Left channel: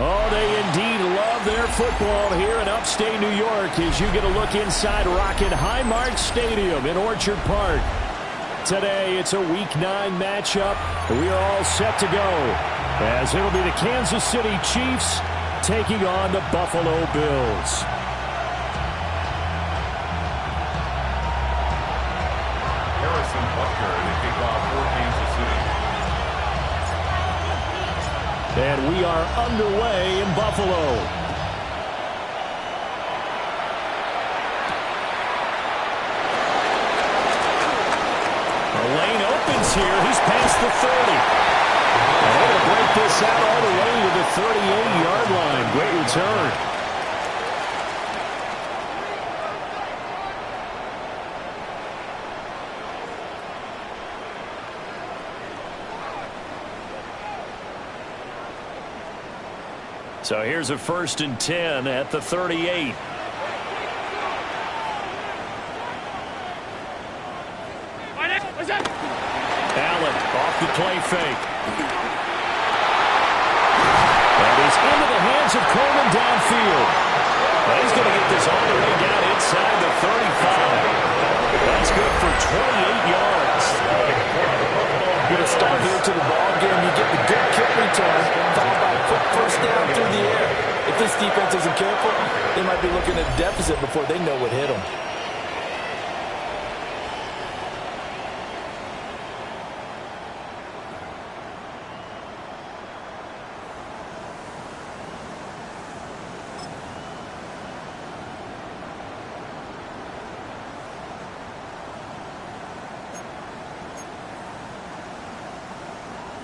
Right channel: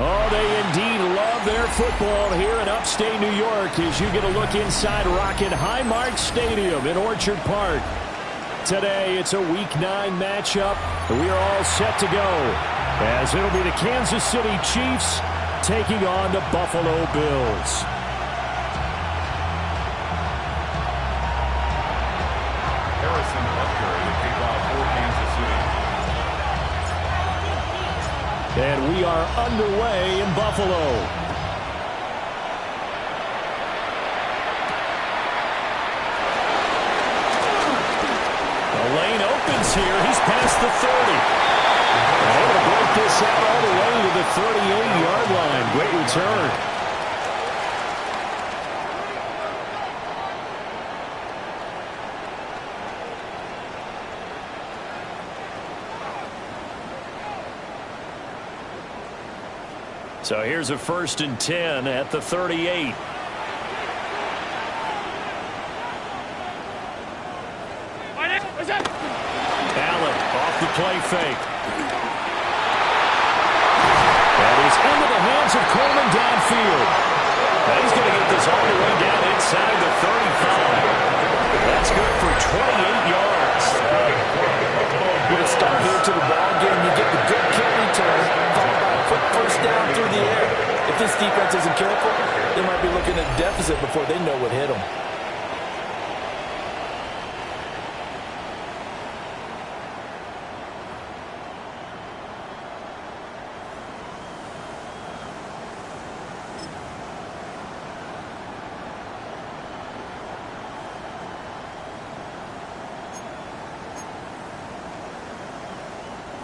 Oh, they indeed love their football here in upstate New York as you get a look inside Rocket Highmark Stadium in Orchard Park. Today, it's a Week 9 matchup, and we are all set to go as it'll be the Kansas City Chiefs taking on the Buffalo Bills. Harrison Butker to kick off for Kansas City. And we are underway in Buffalo. The lane opens here. He's past the 30. And able to break this out all the way to the 38-yard line. Great return. So here's a 1st and 10 at the 38. Allen off the play fake. That is into the hands of Coleman downfield. Now he's going to get this all the way down inside the 35. That's good for 28 yards. With a start here to the ball game, you get the good kick return, followed by a quick first down through the air. If this defense isn't careful, they might be looking at a deficit before they know what hit them.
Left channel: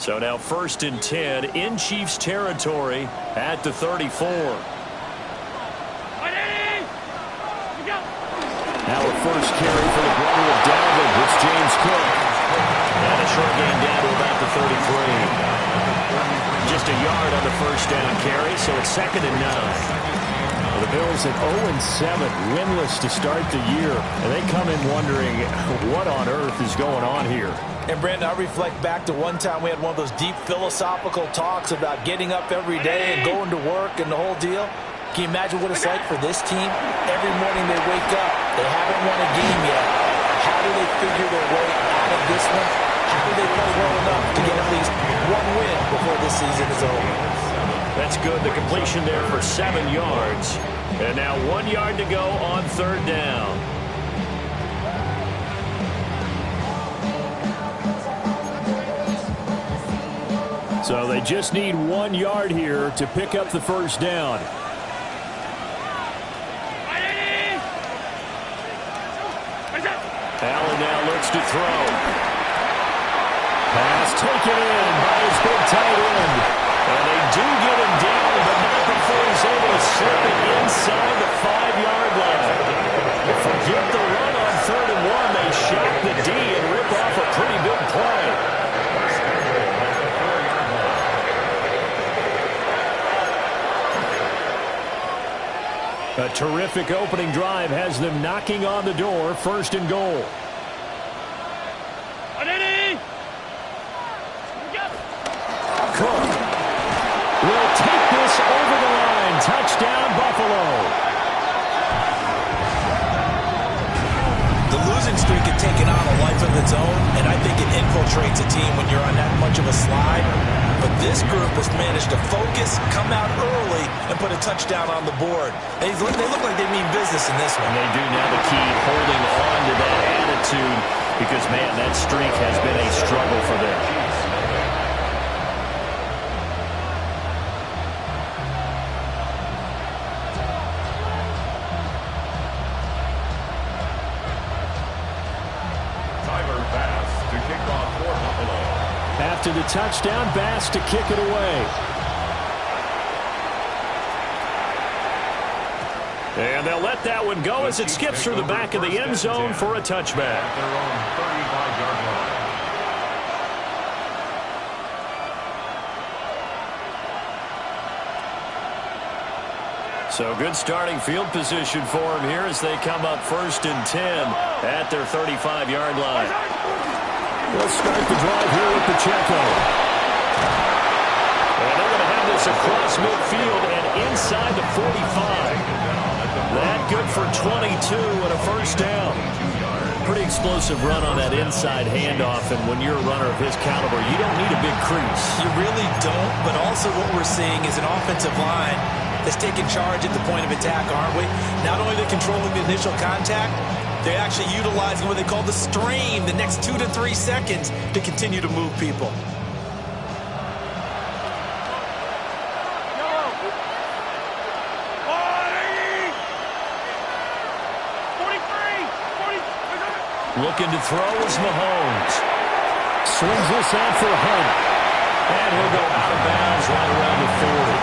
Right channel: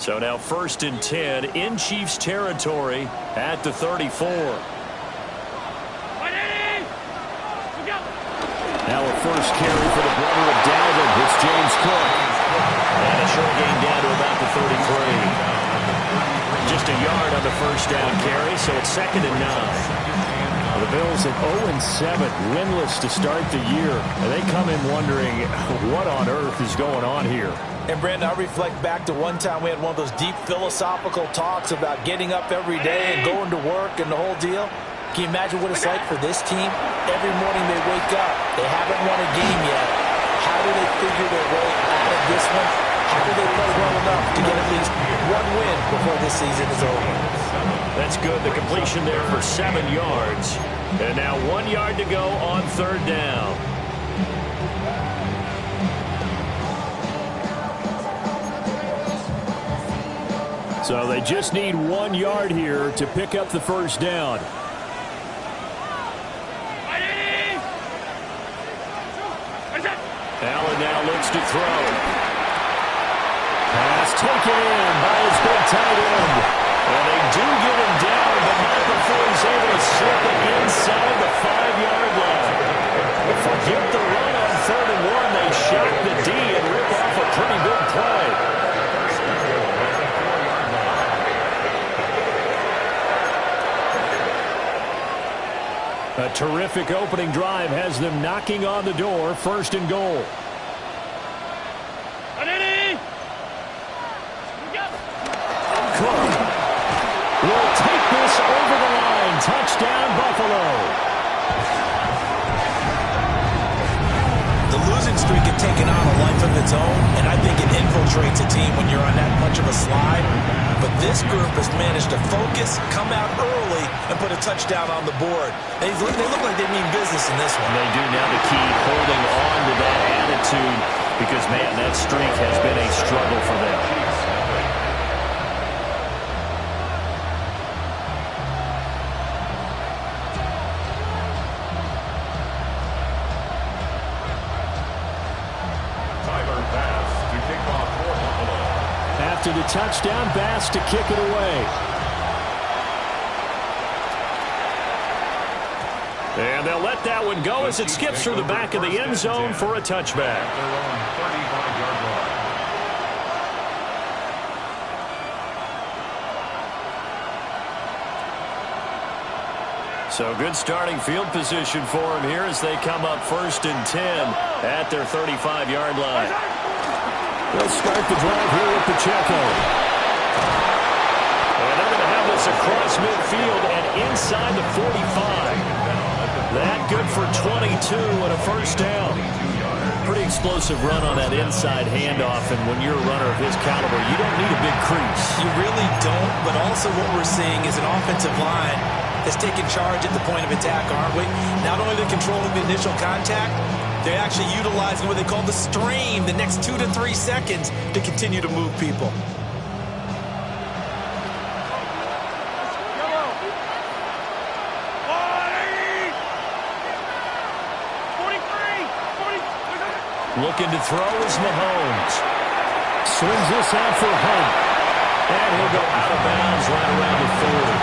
So now 1st and 10 in Chiefs territory at the 34. Now a first carry for the brother of Dalvin. It's James Cook. And a short gain down to about the 33. Just a yard on the first down carry, so it's 2nd and 9. The Bills at 0-7, winless to start the year. And they come in wondering what on earth is going on here. And, Brandon, I reflect back to one time we had one of those deep philosophical talks about getting up every day and going to work and the whole deal. Can you imagine what it's like for this team? Every morning they wake up. They haven't won a game yet. How do they figure their way out of this one? How do they play well enough to get at least one win before this season is over? That's good. The completion there for 7 yards. And now 1 yard to go on 3rd down. So they just need 1 yard here to pick up the first down. Allen now looks to throw. Pass taken in by his big tight end. And they do get him down, but not before he's able to slip it inside the 5-yard line. Forget the run on 3rd and 1. They shock the D and rip off a pretty big play. A terrific opening drive has them knocking on the door. 1st and goal. Cook will take this over the line. Touchdown, Buffalo. The losing streak had taken on a life of its own, and I think it infiltrates a team when you're on that much of a slide. But this group has managed to focus, come out early, and put a touchdown on the board. They look like they mean business in this one. They do. Now the key, holding on to that attitude, because, man, that streak has been a struggle for them. After the touchdown, Bass to kick it away. And they'll let that one go as it skips through the back of the end zone for a touchback. Their own 35-yard line. So good starting field position for them here as they come up 1st and 10 at their 35-yard line. They'll start the drive here with Pacheco. And they're going to have this pass across midfield and inside the 45. That good for 22 and a first down. Pretty explosive run on that inside handoff, and when you're a runner of his caliber, you don't need a big crease. You really don't, but also what we're seeing is an offensive line that's taking charge at the point of attack, aren't we? Not only are they controlling the initial contact, they're actually utilizing what they call the stream, the next 2 to 3 seconds, to continue to move people. Looking to throw is Mahomes. Swings this out for Hunt. And he'll go out of bounds right around the 40.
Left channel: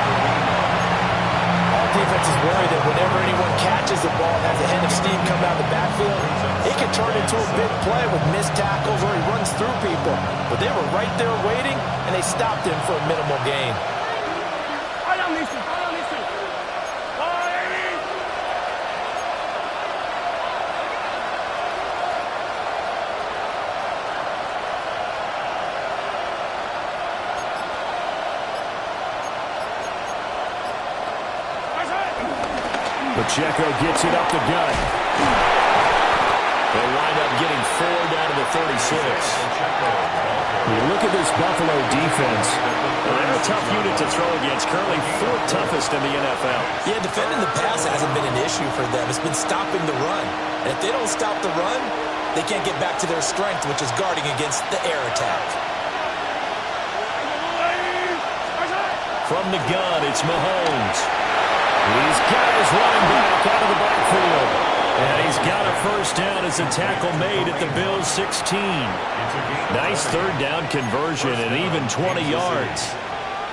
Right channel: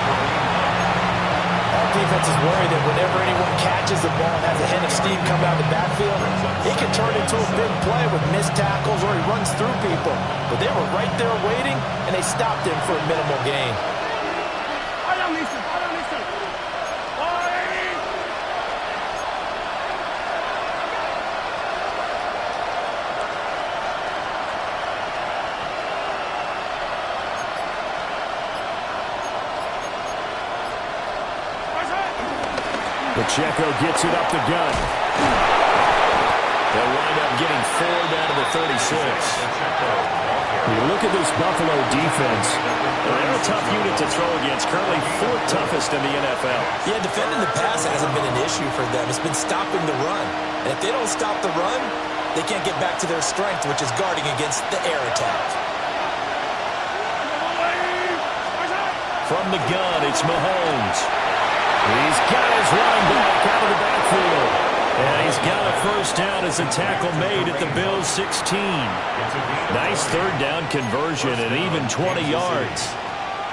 All defenses worry that whenever anyone catches the ball and has a head of steam come out of the backfield, it can turn into a big play with missed tackles or he runs through people. But they were right there waiting, and they stopped him for a minimal gain. Pacheco gets it up the gut. They'll wind up getting 4 down to the 36. You look at this Buffalo defense. They're a tough unit to throw against. Currently 4th toughest in the NFL. Yeah, defending the pass hasn't been an issue for them. It's been stopping the run. And if they don't stop the run, they can't get back to their strength, which is guarding against the air attack. From the gun, it's Mahomes. He's got his running back out of the backfield. And he's got a first down as a tackle made at the Bills' 16. Nice third down conversion and even 20 yards.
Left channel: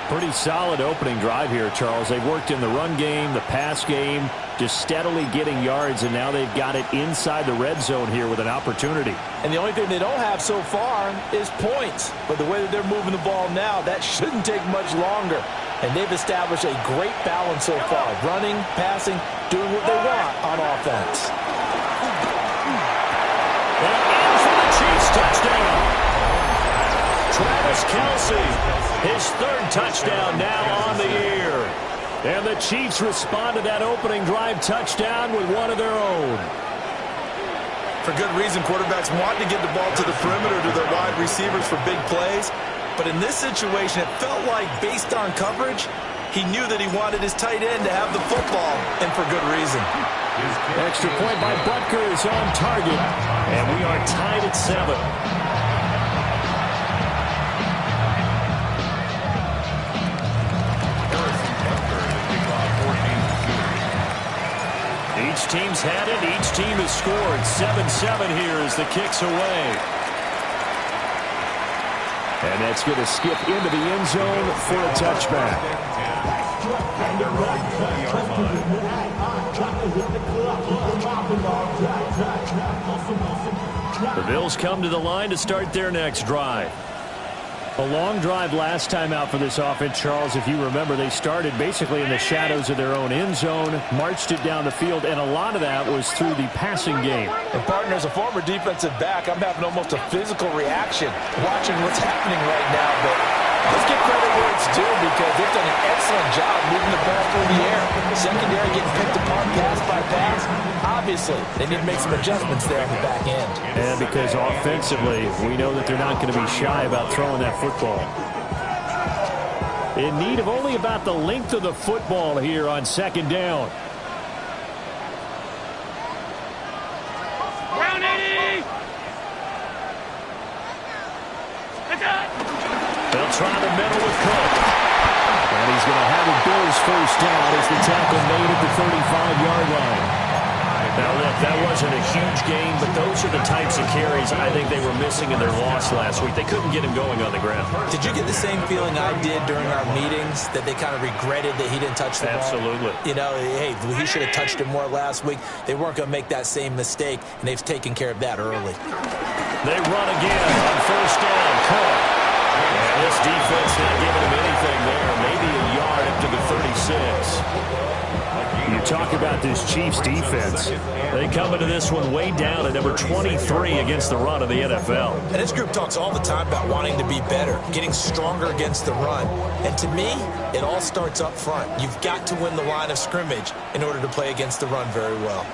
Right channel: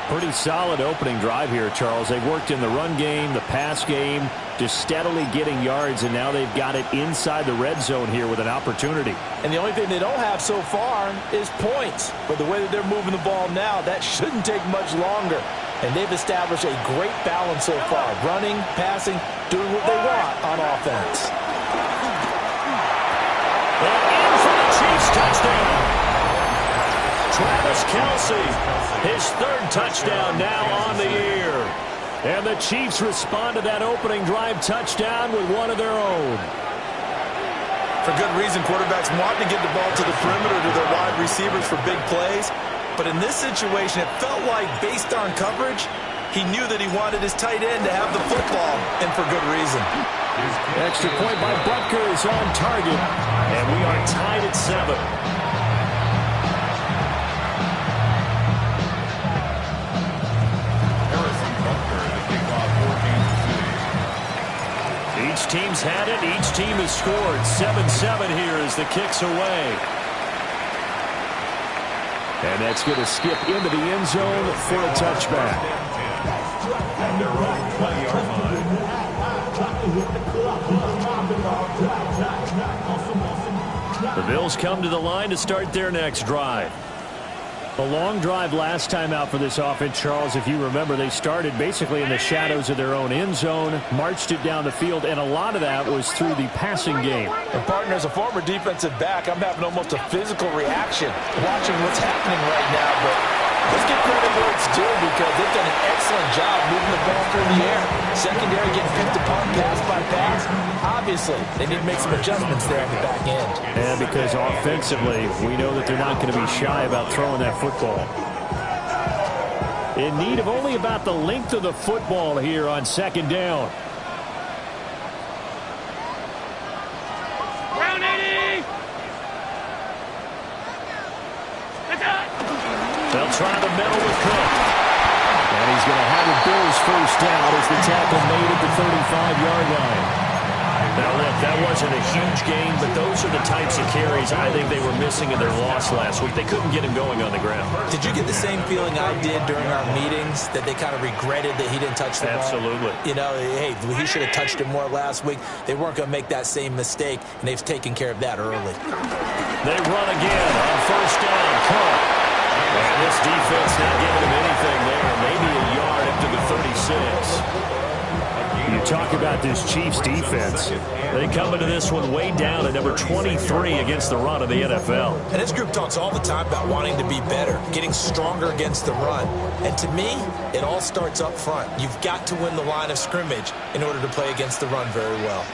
Pretty solid opening drive here, Charles. They've worked in the run game, the pass game, just steadily getting yards, and now they've got it inside the red zone here with an opportunity. And the only thing they don't have so far is points. But the way that they're moving the ball now, that shouldn't take much longer. And they've established a great balance so far. Running, passing, doing what they want on offense. And in for the Chiefs touchdown. Travis Kelce, his 3rd touchdown now on the year. And the Chiefs respond to that opening drive touchdown with one of their own. For good reason, quarterbacks want to get the ball to the perimeter to their wide receivers for big plays. But in this situation, it felt like, based on coverage, he knew that he wanted his tight end to have the football, and for good reason. Extra point by Butker is on target, and we are tied at 7. Each team's had it. Each team has scored. 7-7 here as the kick's away. And that's going to skip into the end zone for a touchback. At their own 20-yard line. The Bills come to the line to start their next drive. A long drive last time out for this offense, Charles. If you remember, they started basically in the shadows of their own end zone, marched it down the field, and a lot of that was through the passing game. And partner, as a former defensive back, I'm having almost a physical reaction watching what's happening right now. But let's give credit where it's due, because they've done an excellent job moving the ball through the air. Secondary getting picked apart pass by pass. Obviously, they need to make some adjustments there on the back end. And because offensively, we know that they're not going to be shy about throwing that football. In need of only about the length of the football here on 2nd down. Round 80! They'll try the middle with Cook. And he's going to have a Bills first down as the tackle made at the 35-yard line. Now, look, that wasn't a huge gain, but those are the types of carries I think they were missing in their loss last week. They couldn't get him going on the ground. Did you get the same feeling I did during our meetings, that they kind of regretted that he didn't touch the ball? Absolutely. You know, hey, he should have touched it more last week. They weren't going to make that same mistake, and they've taken care of that early. They run again on first down. Cook. And this defense not giving him anything there. Maybe a yard up to the 36. You talk about this Chiefs defense. They come into this one way down at number 23 against the run of the NFL. And this group talks all the time about wanting to be better, getting stronger against the run. And to me, it all starts up front. You've got to win the line of scrimmage in order to play against the run very well.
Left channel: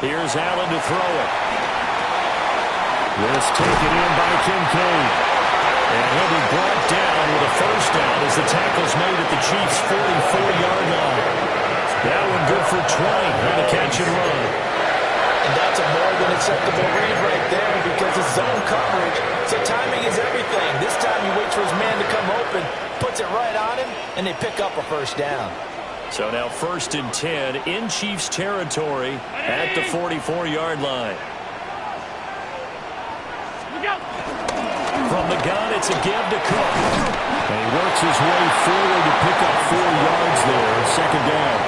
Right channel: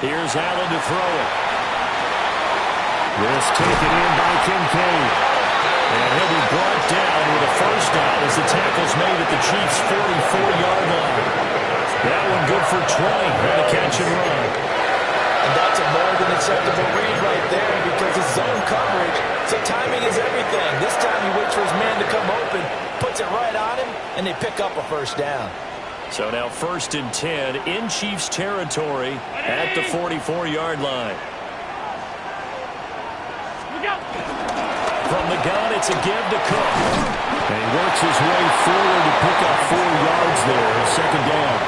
Here's Allen to throw it. This taken in by Kincaid. And he'll be brought down with a first down as the tackle's made at the Chiefs' 44-yard line. That one good for 20 on the catch and run. And that's a more than acceptable read right there because it's zone coverage, so timing is everything. This time he waits for his man to come open, puts it right on him, and they pick up a first down. So now 1st and 10 in Chiefs territory at the 44-yard line. From the gun, it's a give to Cook. And he works his way forward to pick up 4 yards there, second down.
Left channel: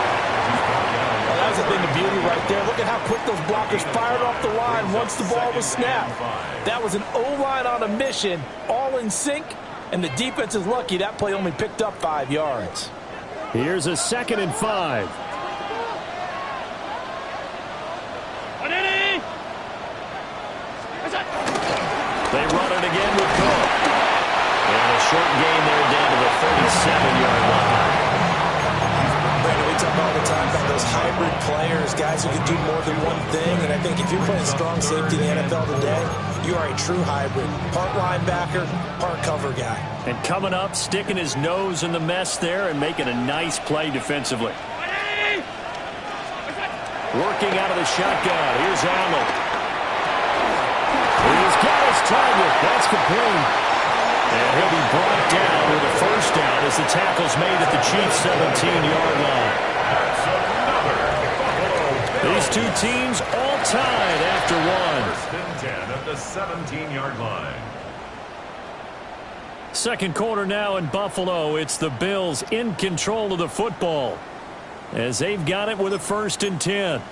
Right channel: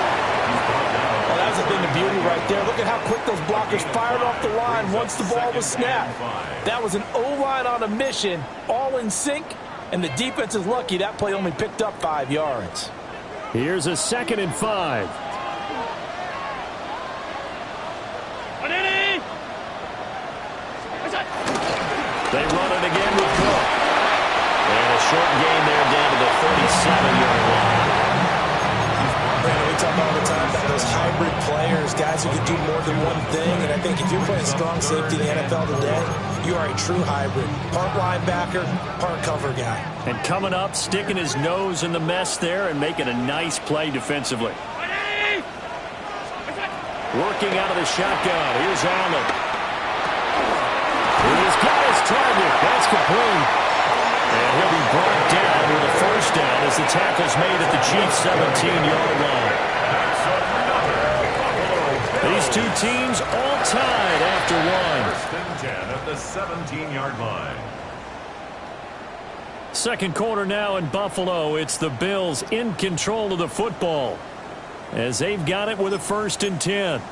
Well, that was a thing of beauty right there. Look at how quick those blockers fired off the line once the ball was snapped. That was an O-line on a mission, all in sync, and the defense is lucky that play only picked up 5 yards. Here's a 2nd and 5. They run it again with Cook. And a short gain there down to the 37-yard line. Brandon, we talk all the time about those hybrid players, guys who can do more than one thing. And I think if you're playing strong safety in the NFL today, you are a true hybrid. Part linebacker, part cover guy. And coming up, sticking his nose in the mess there and making a nice play defensively. Working out of the shotgun. Here's Allen. He's got his target. That's complete. And he'll be brought down with a first down as the tackle's made at the Chiefs' 17-yard line. That's another Buffalo Bills. These two teams all tied after one. 1st and 10 at the 17-yard line. Second quarter now in Buffalo. It's the Bills in control of the football as they've got it with a 1st and 10.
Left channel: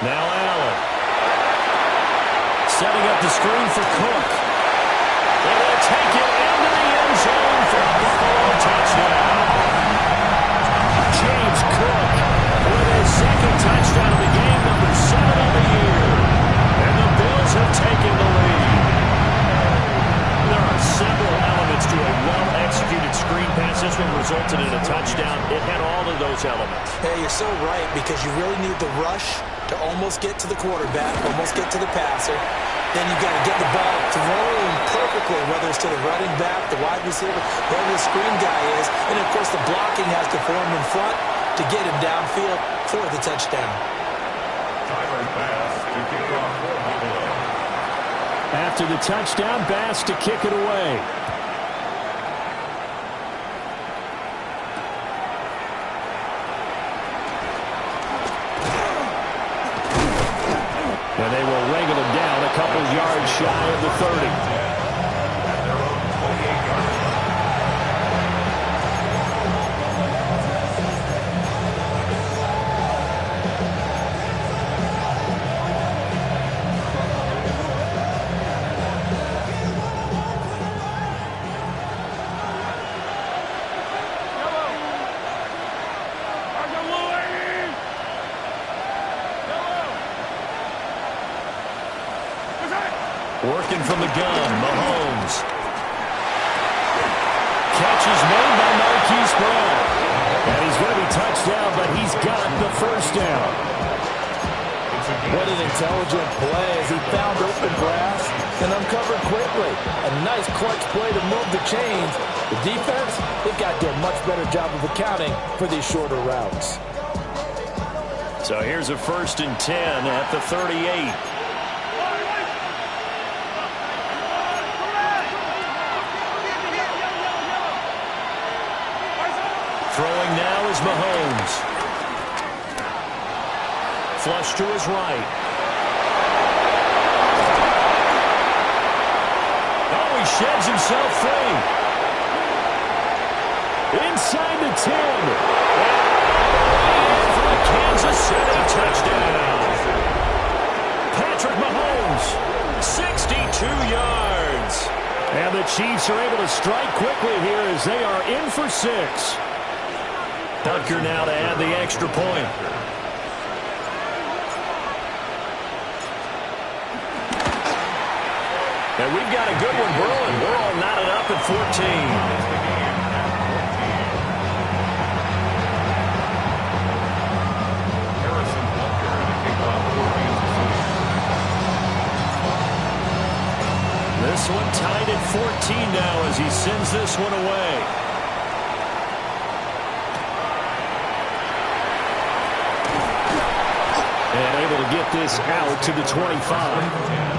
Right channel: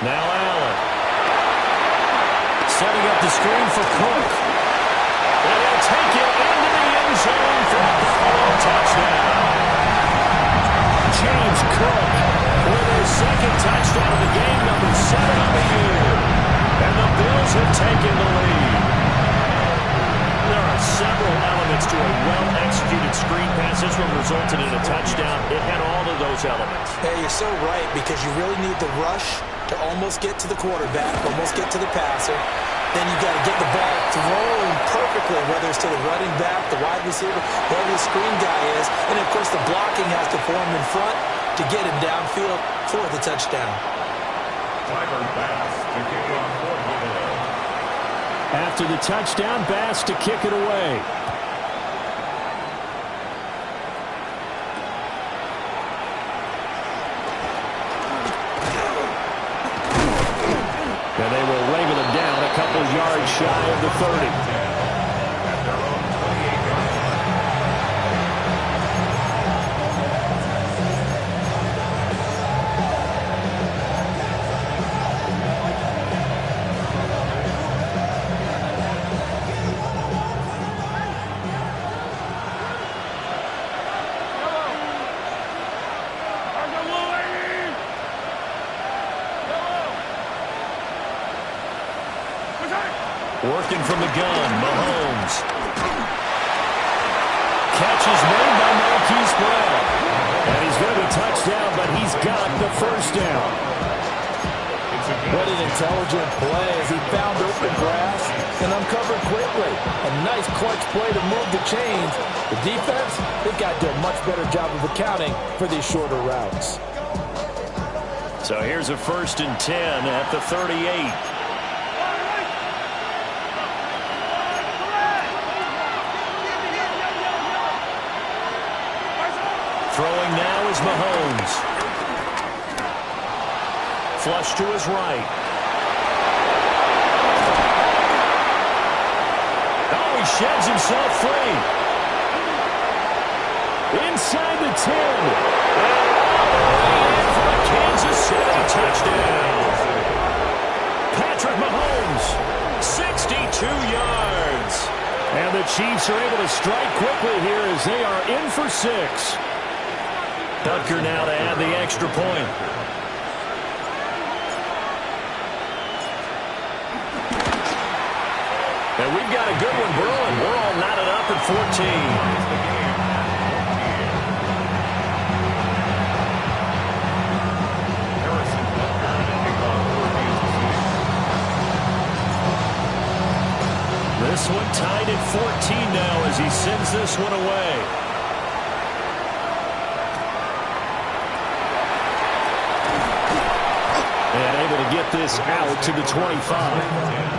Now Allen. Setting up the screen for Cook. And he'll take it into the end zone for a Buffalo touchdown. James Cook with his 2nd touchdown of the game, number 7 on the year. And the Bills have taken the lead. There are several elements to a well-executed screen pass. This one resulted in a touchdown. It had all of those elements. Hey, you're so right because you really need the rush to almost get to the quarterback, almost get to the passer. Then you got to get the ball thrown perfectly, whether it's to the running back, the wide receiver, whoever the screen guy is. And, of course, the blocking has to form in front to get him downfield for the touchdown. Tyler Bass to kick off for Buffalo. After the touchdown, Bass to kick it away. And they will wrangle him down a couple yards shy of the 30. At their own 28-yard line. Working from the gun, Mahomes. Catch is made by Marquise Brown. And he's going to be touched down, but he's got the first down. What an intelligent play as he found open grass and uncovered quickly. A nice clutch play to move the chains. The defense, they've got to do a much better job of accounting for these shorter routes. So here's a 1st and 10 at the 38. Throwing now is Mahomes. Flush to his right. Oh, he sheds himself free. Inside the 10. And all the way in for a Kansas City touchdown. Patrick Mahomes, 62 yards. And the Chiefs are able to strike quickly here as they are in for 6. Butker now to add the extra point. And we've got a good one brewing. We're all knotted up at 14. This one tied at 14 now as he sends this one away. And able to get this out to the 25.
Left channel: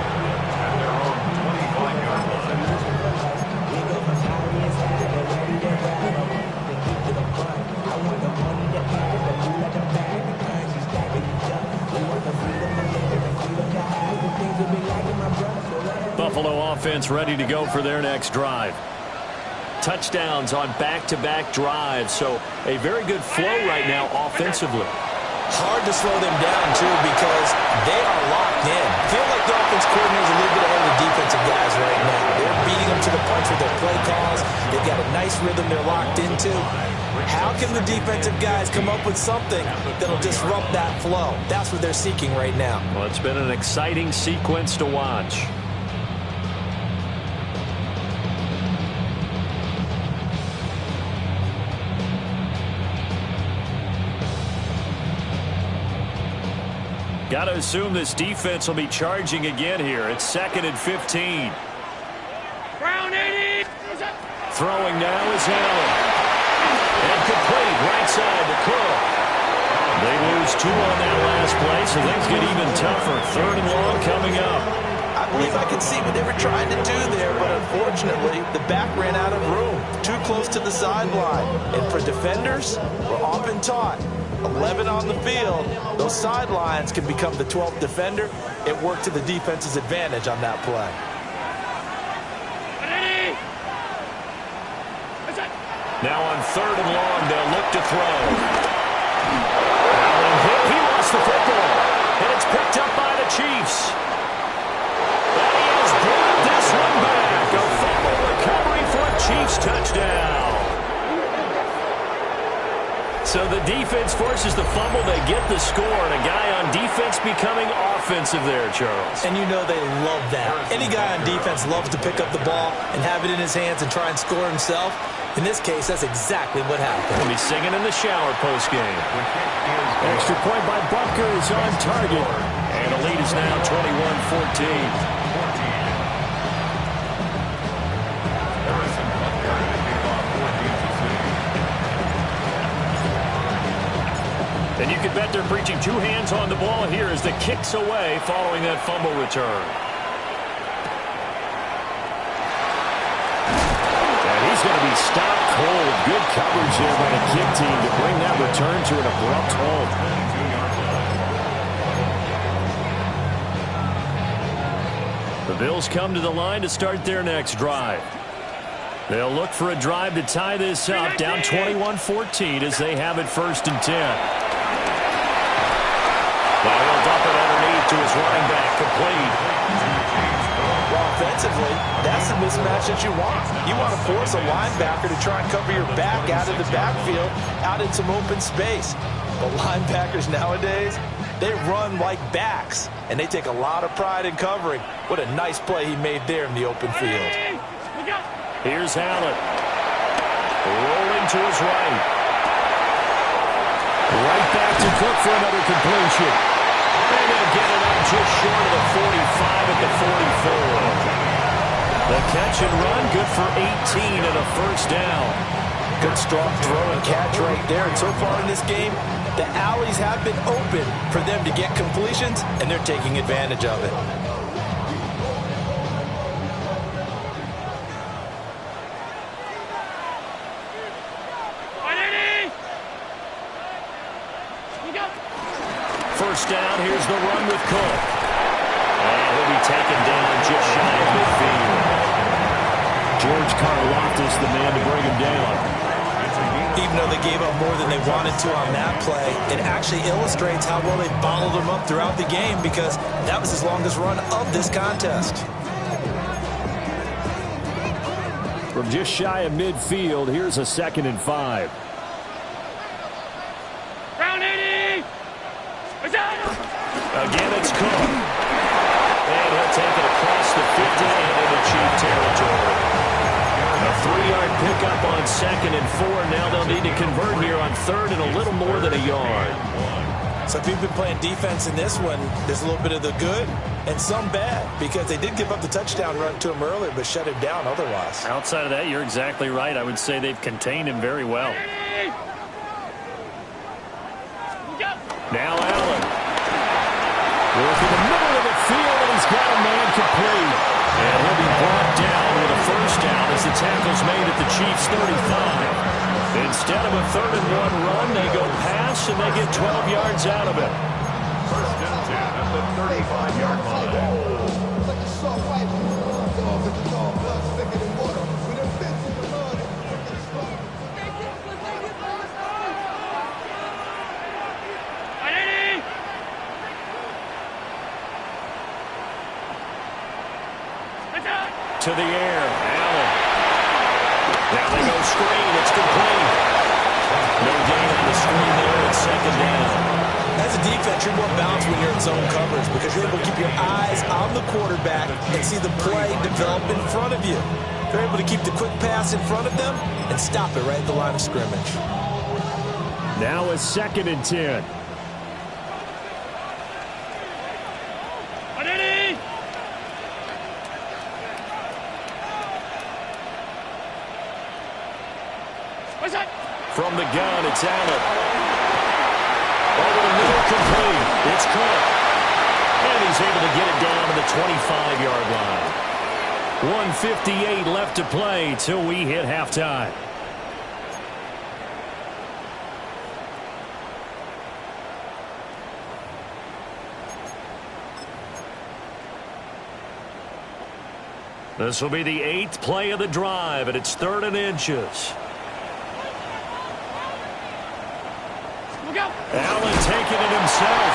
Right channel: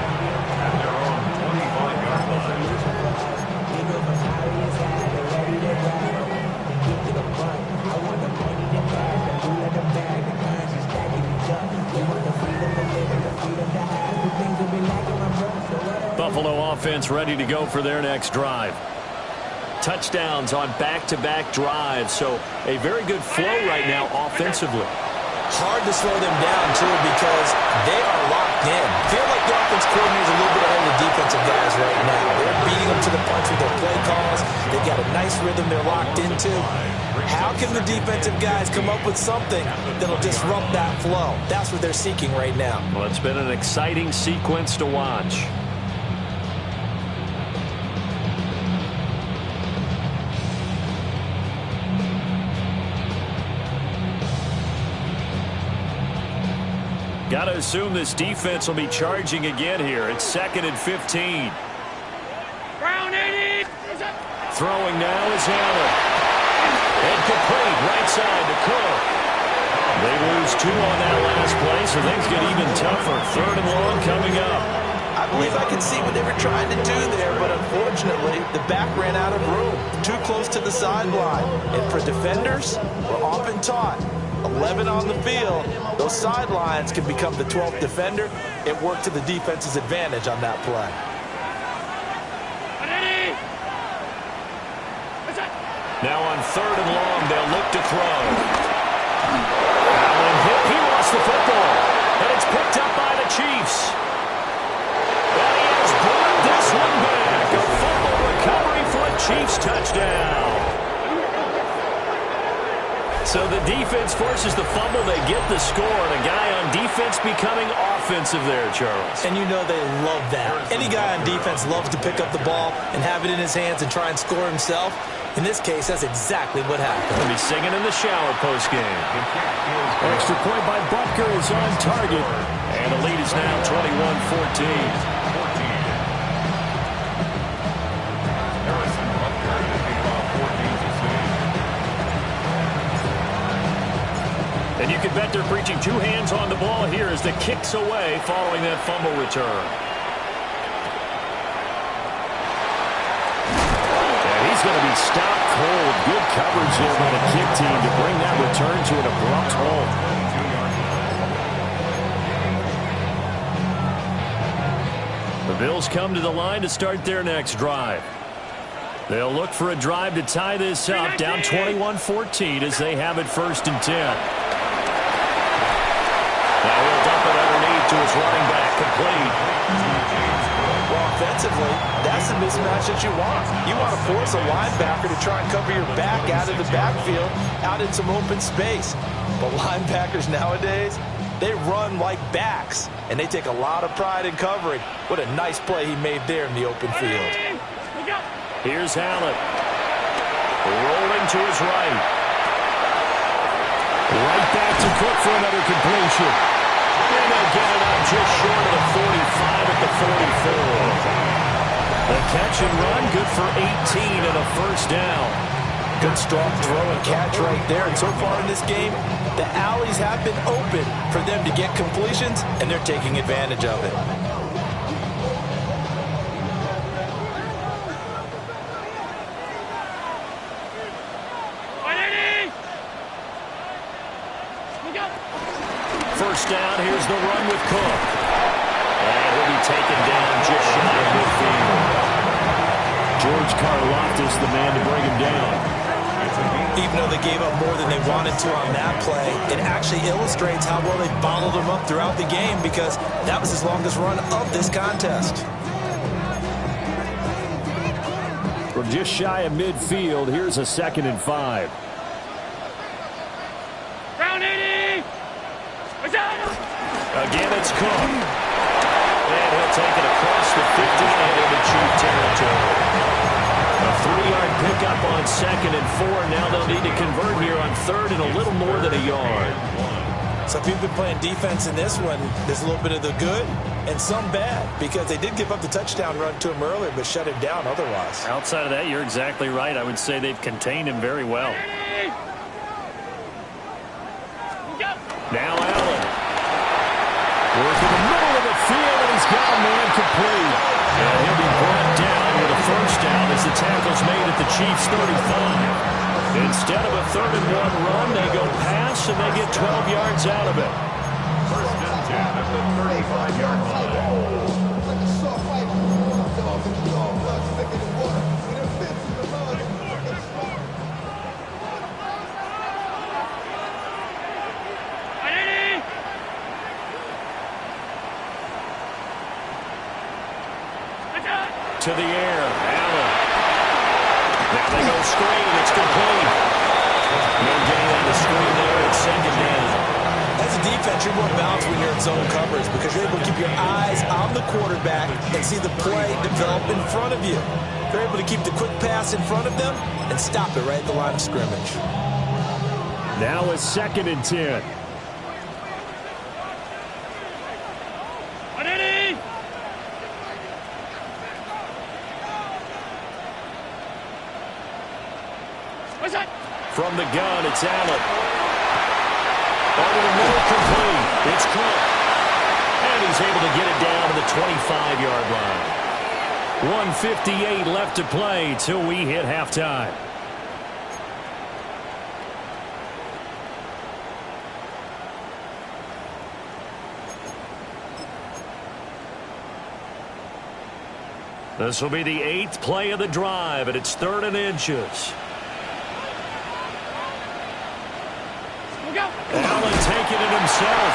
Buffalo offense ready to go for their next drive. Touchdowns on back-to-back drives, so a very good flow right now offensively. Hard to slow them down, too, because they are locked in. Feel like the offense coordinator is a little bit ahead of the defensive guys right now. They're beating them to the punch with their play calls. They've got a nice rhythm they're locked into. How can the defensive guys come up with something that'll disrupt that flow? That's what they're seeking right now. Well, it's been an exciting sequence to watch. Got to assume this defense will be charging again here. It's 2nd and 15. Brown 80. Throwing now is Allen. And complete right side to Cook. They lose 2 on that last play, so things get even tougher. 3rd and long coming up. I believe I can see what they were trying to do there, but unfortunately, the back ran out of room. Too close to the sideline. And for defenders, we're often taught 11 on the field, those sidelines can become the 12th defender. It worked to the defense's advantage on that play. Now on 3rd and long, they'll look to throw. Allen hit. He lost the football. And it's picked up by the Chiefs. And he has brought this one back. A fumble recovery for a Chiefs touchdown. So the defense forces the fumble. They get the score. And a guy on defense becoming offensive there, Charles. And you know they love that. Any guy on defense loves to pick up the ball and have it in his hands and try and score himself. In this case, that's exactly what happened. He'll be singing in the shower postgame. Extra point by Butker is on target. And the lead is now 21-14. And you can bet they're preaching 2 hands on the ball here as the kick's away following that fumble return. And he's going to be stopped cold. Good coverage there by the kick team to bring that return to an abrupt halt. The Bills come to the line to start their next drive. They'll look for a drive to tie this up, down 21-14 as they have it 1st and 10. Now he'll dump it underneath to his running back, complete. Well, offensively, that's the mismatch that you want. You want to force a linebacker to try and cover your back out of the backfield, out in some open space. But linebackers nowadays, they run like backs, and they take a lot of pride in covering. What a nice play he made there in the open field. Here's Allen. Rolling to his right. Right back to Cook for another completion. And they'll get it up just short of the 45 at the 44. The catch and run, good for 18 and a 1st down. Good strong throw and catch right there. And so far in this game, the alleys have been open for them to get completions, and they're taking advantage of it. First down, here's the run with Cook. And he'll be taken down just shy of midfield. George Karlaftis, the man to bring him down. Even though they gave up more than they wanted to on that play, it actually illustrates how well they bottled them up throughout the game because that was his longest run of this contest. From just shy of midfield, here's a 2nd and 5. Ground 80. Again, it's Cook. And he'll take it across the 50 and into Chief territory. A 3-yard pickup on 2nd and 4. Now they'll need to convert here on 3rd and a little more than a yard. So if you've been playing defense in this one, there's a little bit of the good and some bad because they did give up the touchdown run to him earlier but shut him down otherwise. Outside of that, you're exactly right. I would say they've contained him very well. Now Allen. Work in the middle of the field, and he's got a man complete. And he'll be brought down with a 1st down as the tackle's made at the Chiefs' 35. Instead of a 3rd and 1 run, they go pass, and they get 12 yards out of it. 1st and 10 at the 35-yard line. To the air, Allen. Now they go screen. It's complete. No gain on the screen there. It's 2nd down. As a defense, you're more balanced when you're in zone coverage because you're able to keep your eyes on the quarterback and see the play develop in front of you. You're able to keep the quick pass in front of them and stop it right at the line of scrimmage. Now a 2nd and 10. From the gun, it's Allen. Over the middle, complete. It's Cook. And he's able to get it down to the 25-yard line. 1:58 left to play till we hit halftime. This will be the 8th play of the drive, and it's 3rd and inches. Allen taking it himself.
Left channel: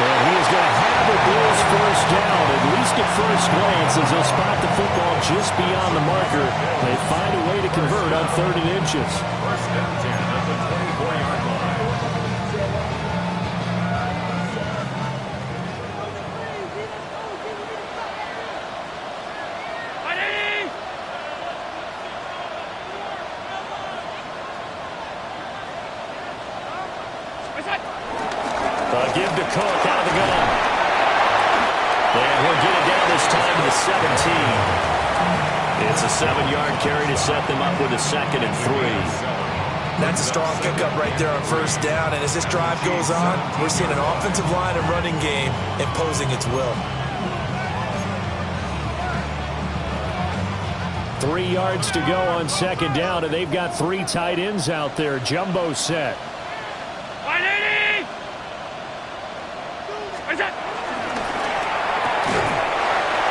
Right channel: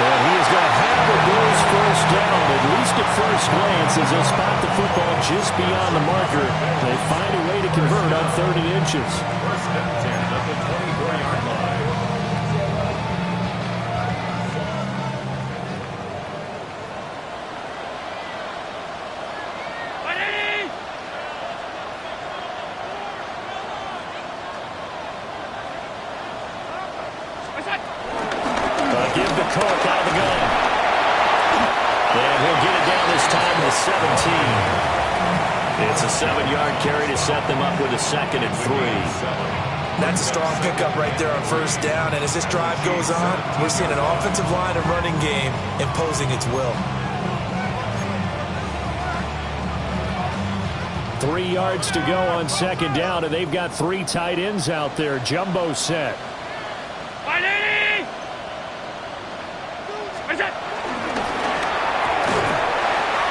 And he is going to have a Bills 1st down, at least at first glance, as they'll spot the football just beyond the marker. They find a way to convert on 3rd and inches. 1st and 10 at the 24-yard line. Give to Cook out of the gun. And he'll get it down this time to the 17. It's a 7-yard carry to set them up with a 2nd and 3. That's a strong pickup right there on 1st down. And as this drive goes on, we're seeing an offensive line and running game imposing its will. 3 yards to go on 2nd down, and they've got 3 tight ends out there. Jumbo set.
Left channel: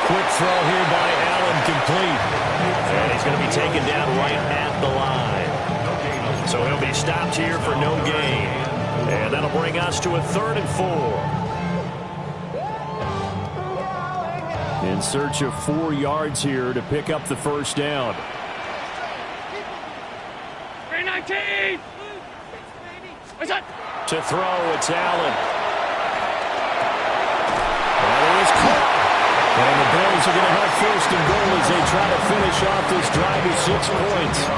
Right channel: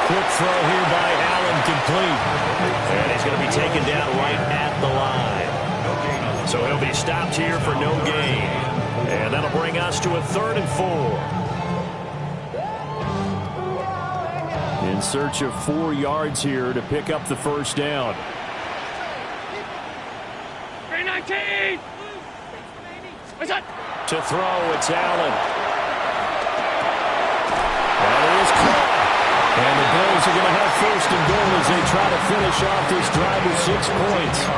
Quick throw here by Allen, complete. And he's going to be taken down right at the line. So he'll be stopped here for no gain. And that'll bring us to a 3rd and 4. In search of 4 yards here to pick up the 1st down. 319. To throw, it's Allen. That is caught. And the Bills are going to have 1st and goal as they try to finish off this drive with 6 points.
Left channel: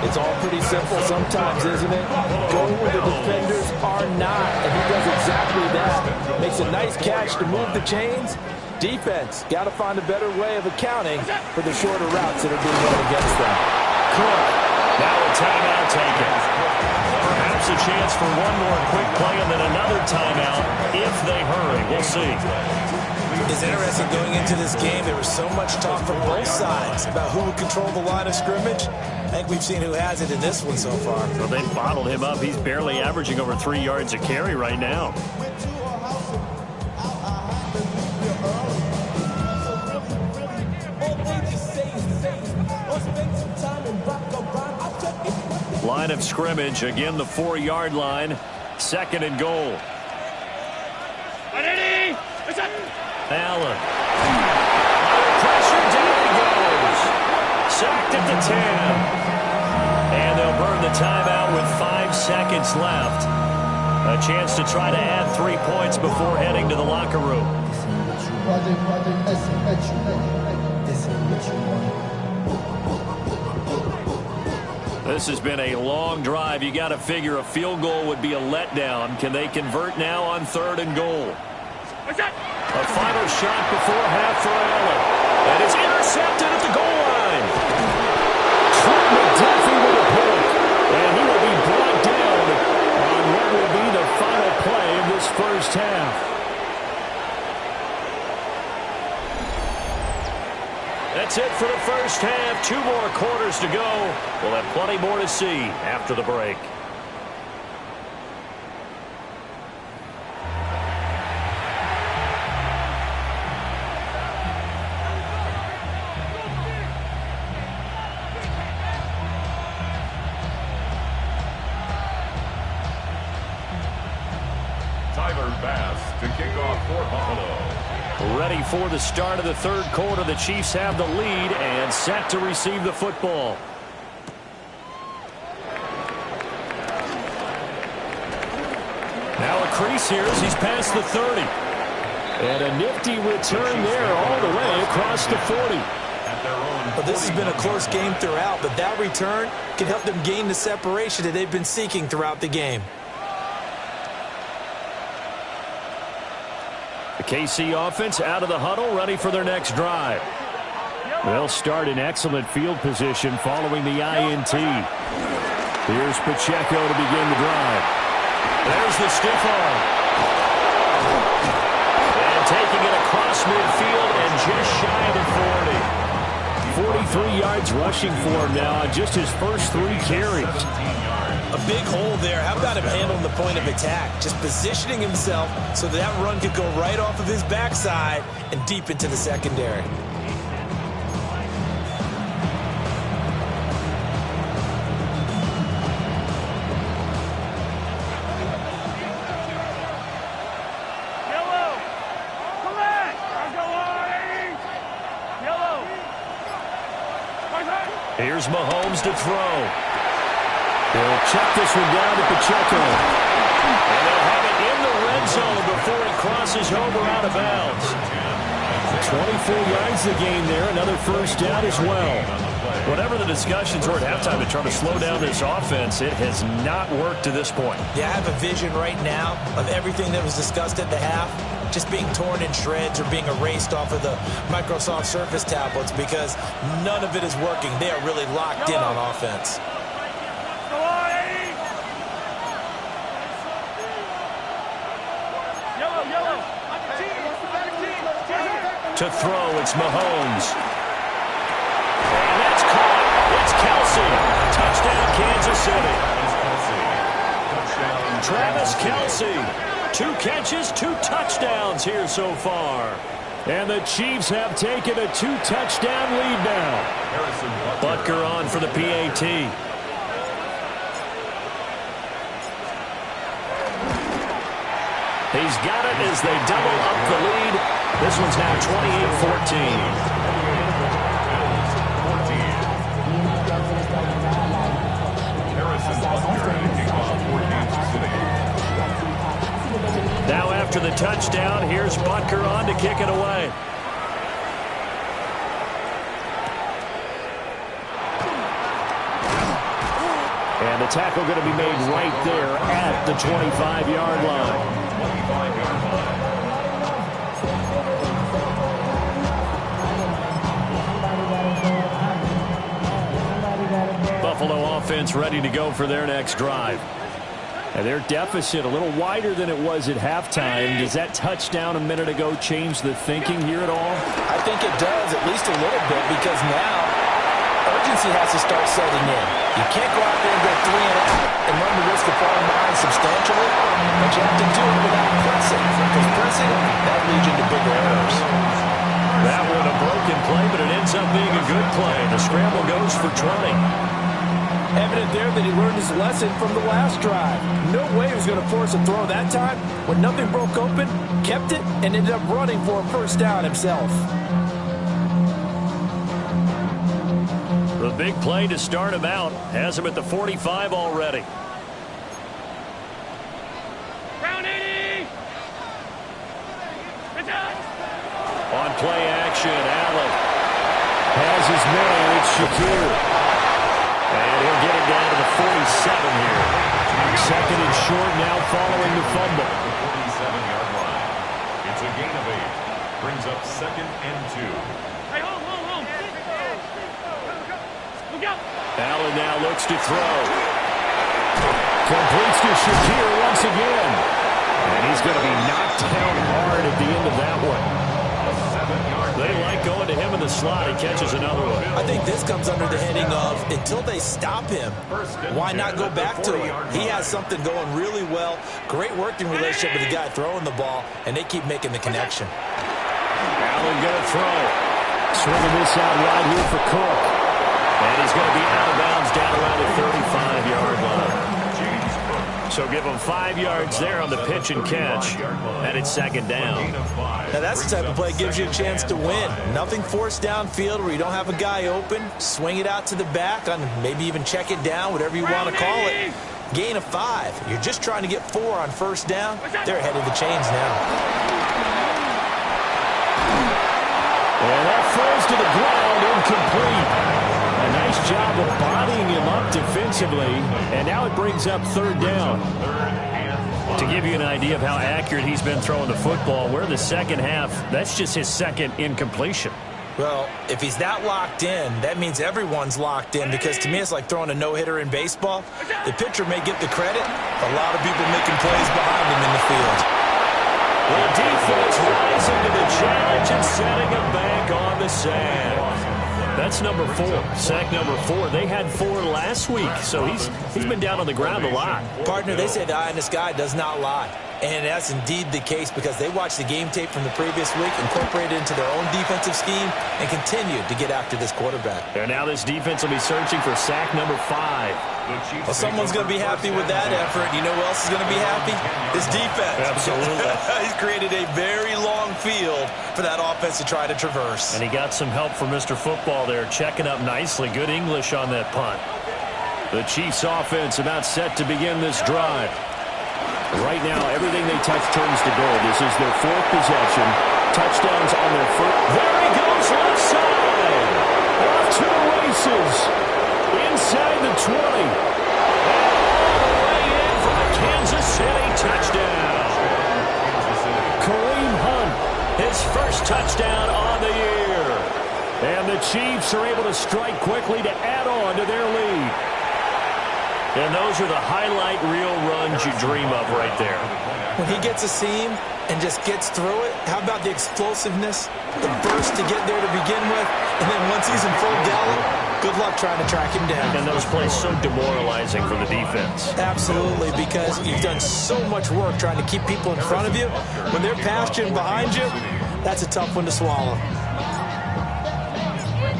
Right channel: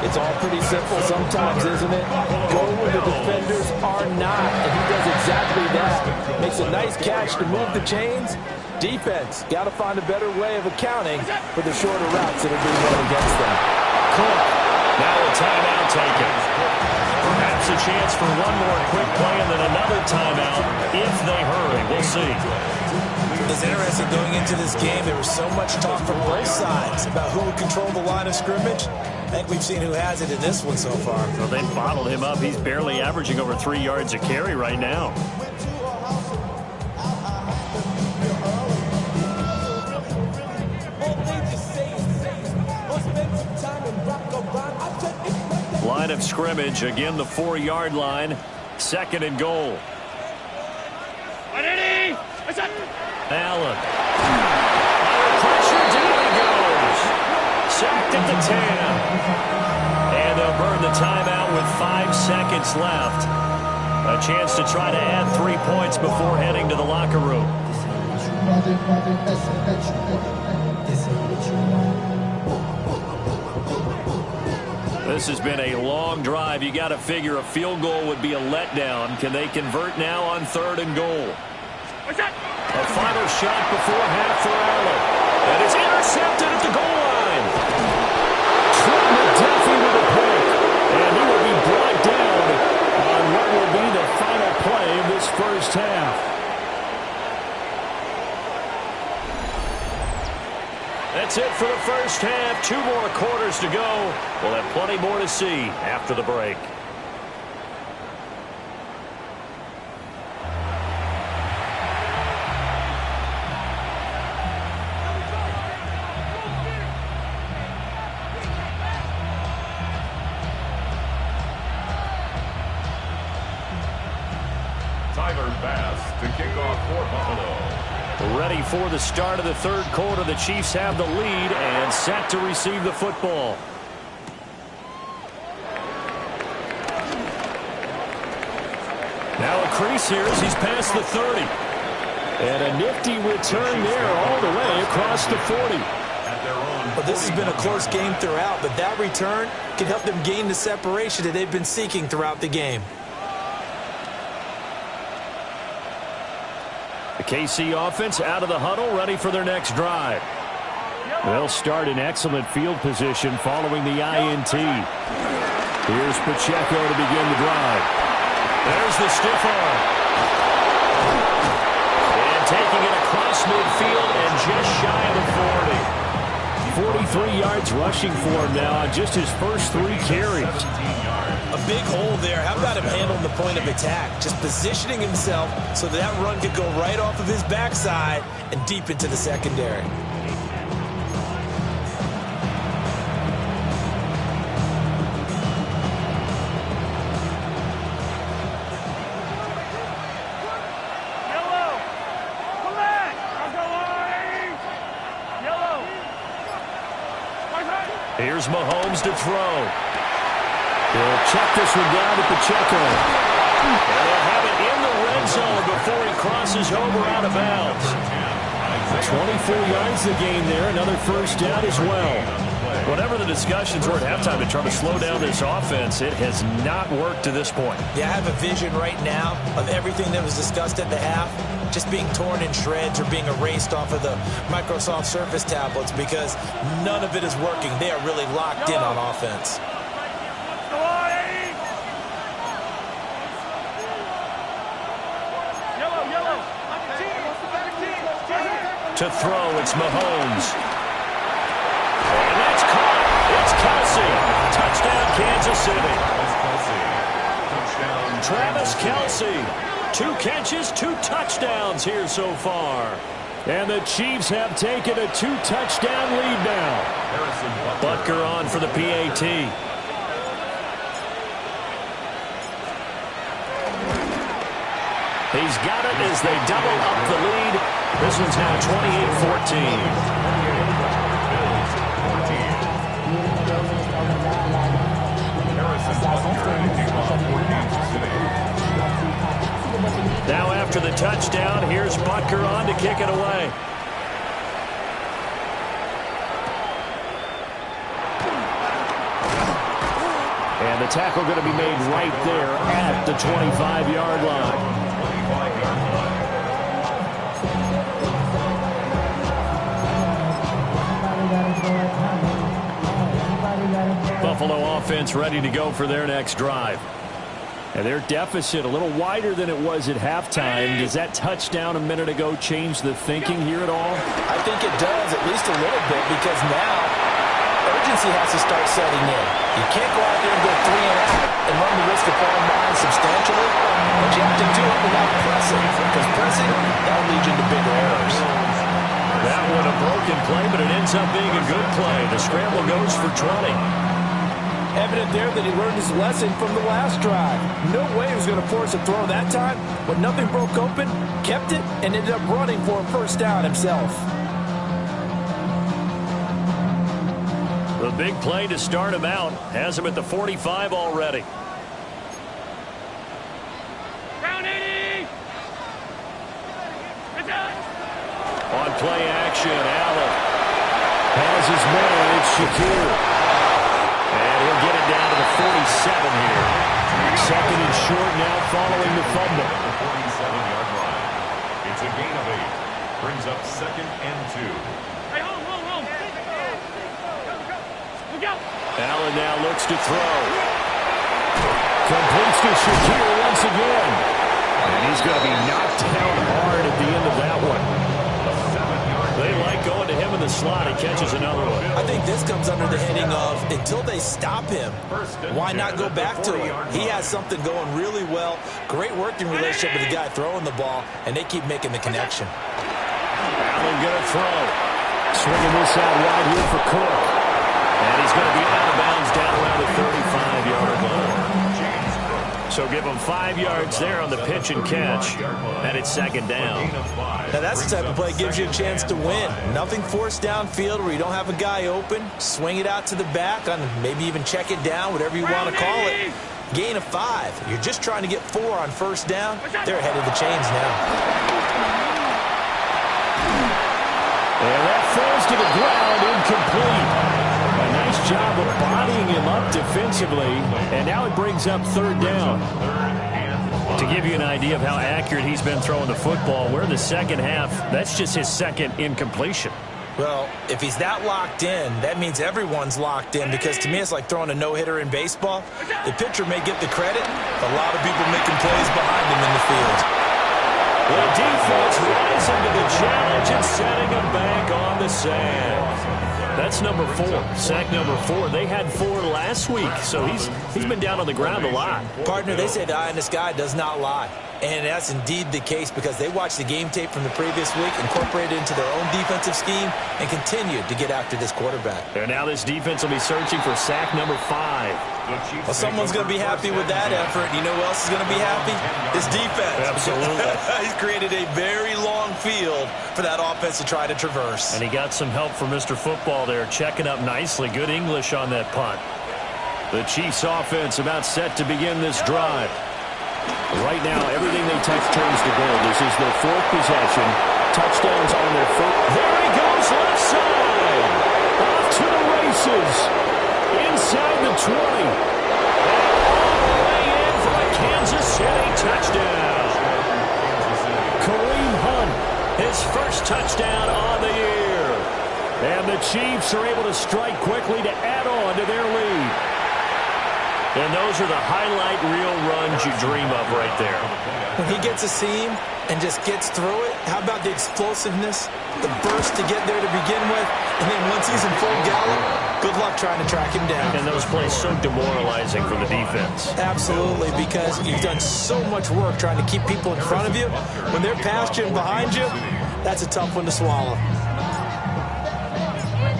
It's all pretty simple sometimes, isn't it? Go where the defenders are not, and he does exactly that. Makes a nice catch to move the chains. Defense, got to find a better way of accounting for the shorter routes that are being run against them. Cook, now a timeout taken. Perhaps a chance for one more quick play and then another timeout if they hurry. We'll see. It's interesting going into this game. There was so much talk from both sides about who would control the line of scrimmage. I think we've seen who has it in this one so far. Well, they bottled him up. He's barely averaging over 3 yards a carry right now. Line of scrimmage, again the 4-yard line. 2nd and goal. 180. Allen. Under pressure, down he goes. Sacked at the 10. And they'll burn the timeout with 5 seconds left. A chance to try to add 3 points before heading to the locker room. This has been a long drive. You got to figure a field goal would be a letdown. Can they convert now on 3rd and goal? What's that? A final shot before half for Allen. And it's intercepted at the goal line. Trent McDuffie with a pick. And he will be brought down on what will be the final play of this first half. That's it for the first half. 2 more quarters to go. We'll have plenty more to see after the break. To kick off for Buffalo. Ready for the start of the 3rd quarter. The Chiefs have the lead and set to receive the football. Now a crease here as he's past the 30. And a nifty return there all the way across the 40. But this has been a close game throughout, but that return can help them gain the separation that they've been seeking throughout the game. The KC offense out of the huddle, ready for their next drive. They'll start in excellent field position following the INT. Here's Pacheco to begin the drive. There's the stiff arm. And taking it across midfield and just shy of the 40. 43 yards rushing for him now on just his first 3 carries. A big hole there. How about him handling the point of attack? Just positioning himself so that run could go right off of his backside and deep into the secondary. Here's Mahomes to throw. He'll check this one down to Pacheco. And they'll have it in the red zone before he crosses over out of bounds. 24 yards the gain there. Another first down as well. Whatever the discussions were at halftime to try to slow down this offense, it has not worked to this point. Yeah, I have a vision right now of everything that was discussed at the half just being torn in shreds or being erased off of the Microsoft Surface tablets because none of it is working. They are really locked in on offense. To throw, it's Mahomes. And that's caught. It's Kelsey. Touchdown, Kansas City. Travis Kelsey. 2 catches, 2 touchdowns here so far. And the Chiefs have taken a 2-touchdown lead now. Butker on for the PAT. He's got it as they double up the lead. This one's now 28-14. Now after the touchdown, here's Butker on to kick it away. And the tackle going to be made right there at the 25-yard line. Buffalo offense ready to go for their next drive. And their deficit a little wider than it was at halftime. Does that touchdown a minute ago change the thinking here at all? I think it does, at least a little bit, because now urgency has to start setting in. You can't go out there and go 3 and out and run the risk of falling behind substantially, but you have to do it without pressing, because pressing, that'll lead you into bigger errors. That one a broken play, but it ends up being a good play. The scramble goes for 20. Evident there that he learned his lesson from the last drive. No way he was going to force a throw that time. When nothing broke open, kept it, and ended up running for a first down himself. The big play to start him out has him at the 45 already. Ground 80. On play action, Allen has his man. It's Shakir. And he'll get it down to the 47 here. Second and short now following the fumble. The 47-yard line. It's a gain of 8. Brings up 2nd and 2. Hey, home. Look out. Allen now looks to throw. Completes to Shakir once again. And he's going to be knocked down hard at the end of that one. They like going to him in the slot. He catches another one. I think this comes under the heading of until they stop him, why not go back to him? He has something going really well. Great working relationship with the guy throwing the ball, and they keep making the connection. Allen going to throw. Swinging this out wide here for Cook. And he's going to be out of bounds down around the 35-yard line. So give him 5 yards there on the pitch and catch. And it's second down. Now that's the type of play that gives you a chance to win. Nothing forced downfield where you don't have a guy open. Swing it out to the back, on maybe even check it down, whatever you want to call it. Gain of 5. You're just trying to get 4 on first down. They're ahead of the chains now. And that falls to the ground, incomplete. A nice job of bodying him up defensively, and now it brings up third down. To give you an idea of how accurate he's been throwing the football, we're in the second half. That's just his second incompletion. Well, if he's that locked in, that means everyone's locked in, because to me it's like throwing a no-hitter in baseball. The pitcher may get the credit, but a lot of people making plays behind him in the field. The defense rising to the challenge and setting him back on the sand. That's number 4, sack number 4. They had 4 last week, so he's been down on the ground a lot. Partner, they say the eye in the sky does not lie. And that's indeed the case, because they watched the game tape from the previous week, incorporated it into their own defensive scheme, and continued to get after this quarterback. And now this defense will be searching for sack number 5. Well, someone's going to be happy with that effort. You know who else is going to be happy? His defense. Absolutely. He's created a very long field for that offense to try to traverse. And he got some help from Mr. Football there, checking up nicely. Good English on that punt. The Chiefs offense about set to begin this drive. Right now, everything they touch turns to gold. This is their 4th possession. Touchdowns on their first. There he goes, left side. Off to the races. Inside the 20. And all the way in for a Kansas City touchdown. Kareem Hunt, his first touchdown on the year. And the Chiefs are able to strike quickly to add on to their lead. And those are the highlight reel runs you dream of right there. When he gets a seam and just gets through it, how about the explosiveness, the burst to get there to begin with, and then once he's in full gallop, good luck trying to track him down. And those plays so demoralizing for the defense. Absolutely, because you've done so much work trying to keep people in front of you. When they're past you and behind you, that's a tough one to swallow.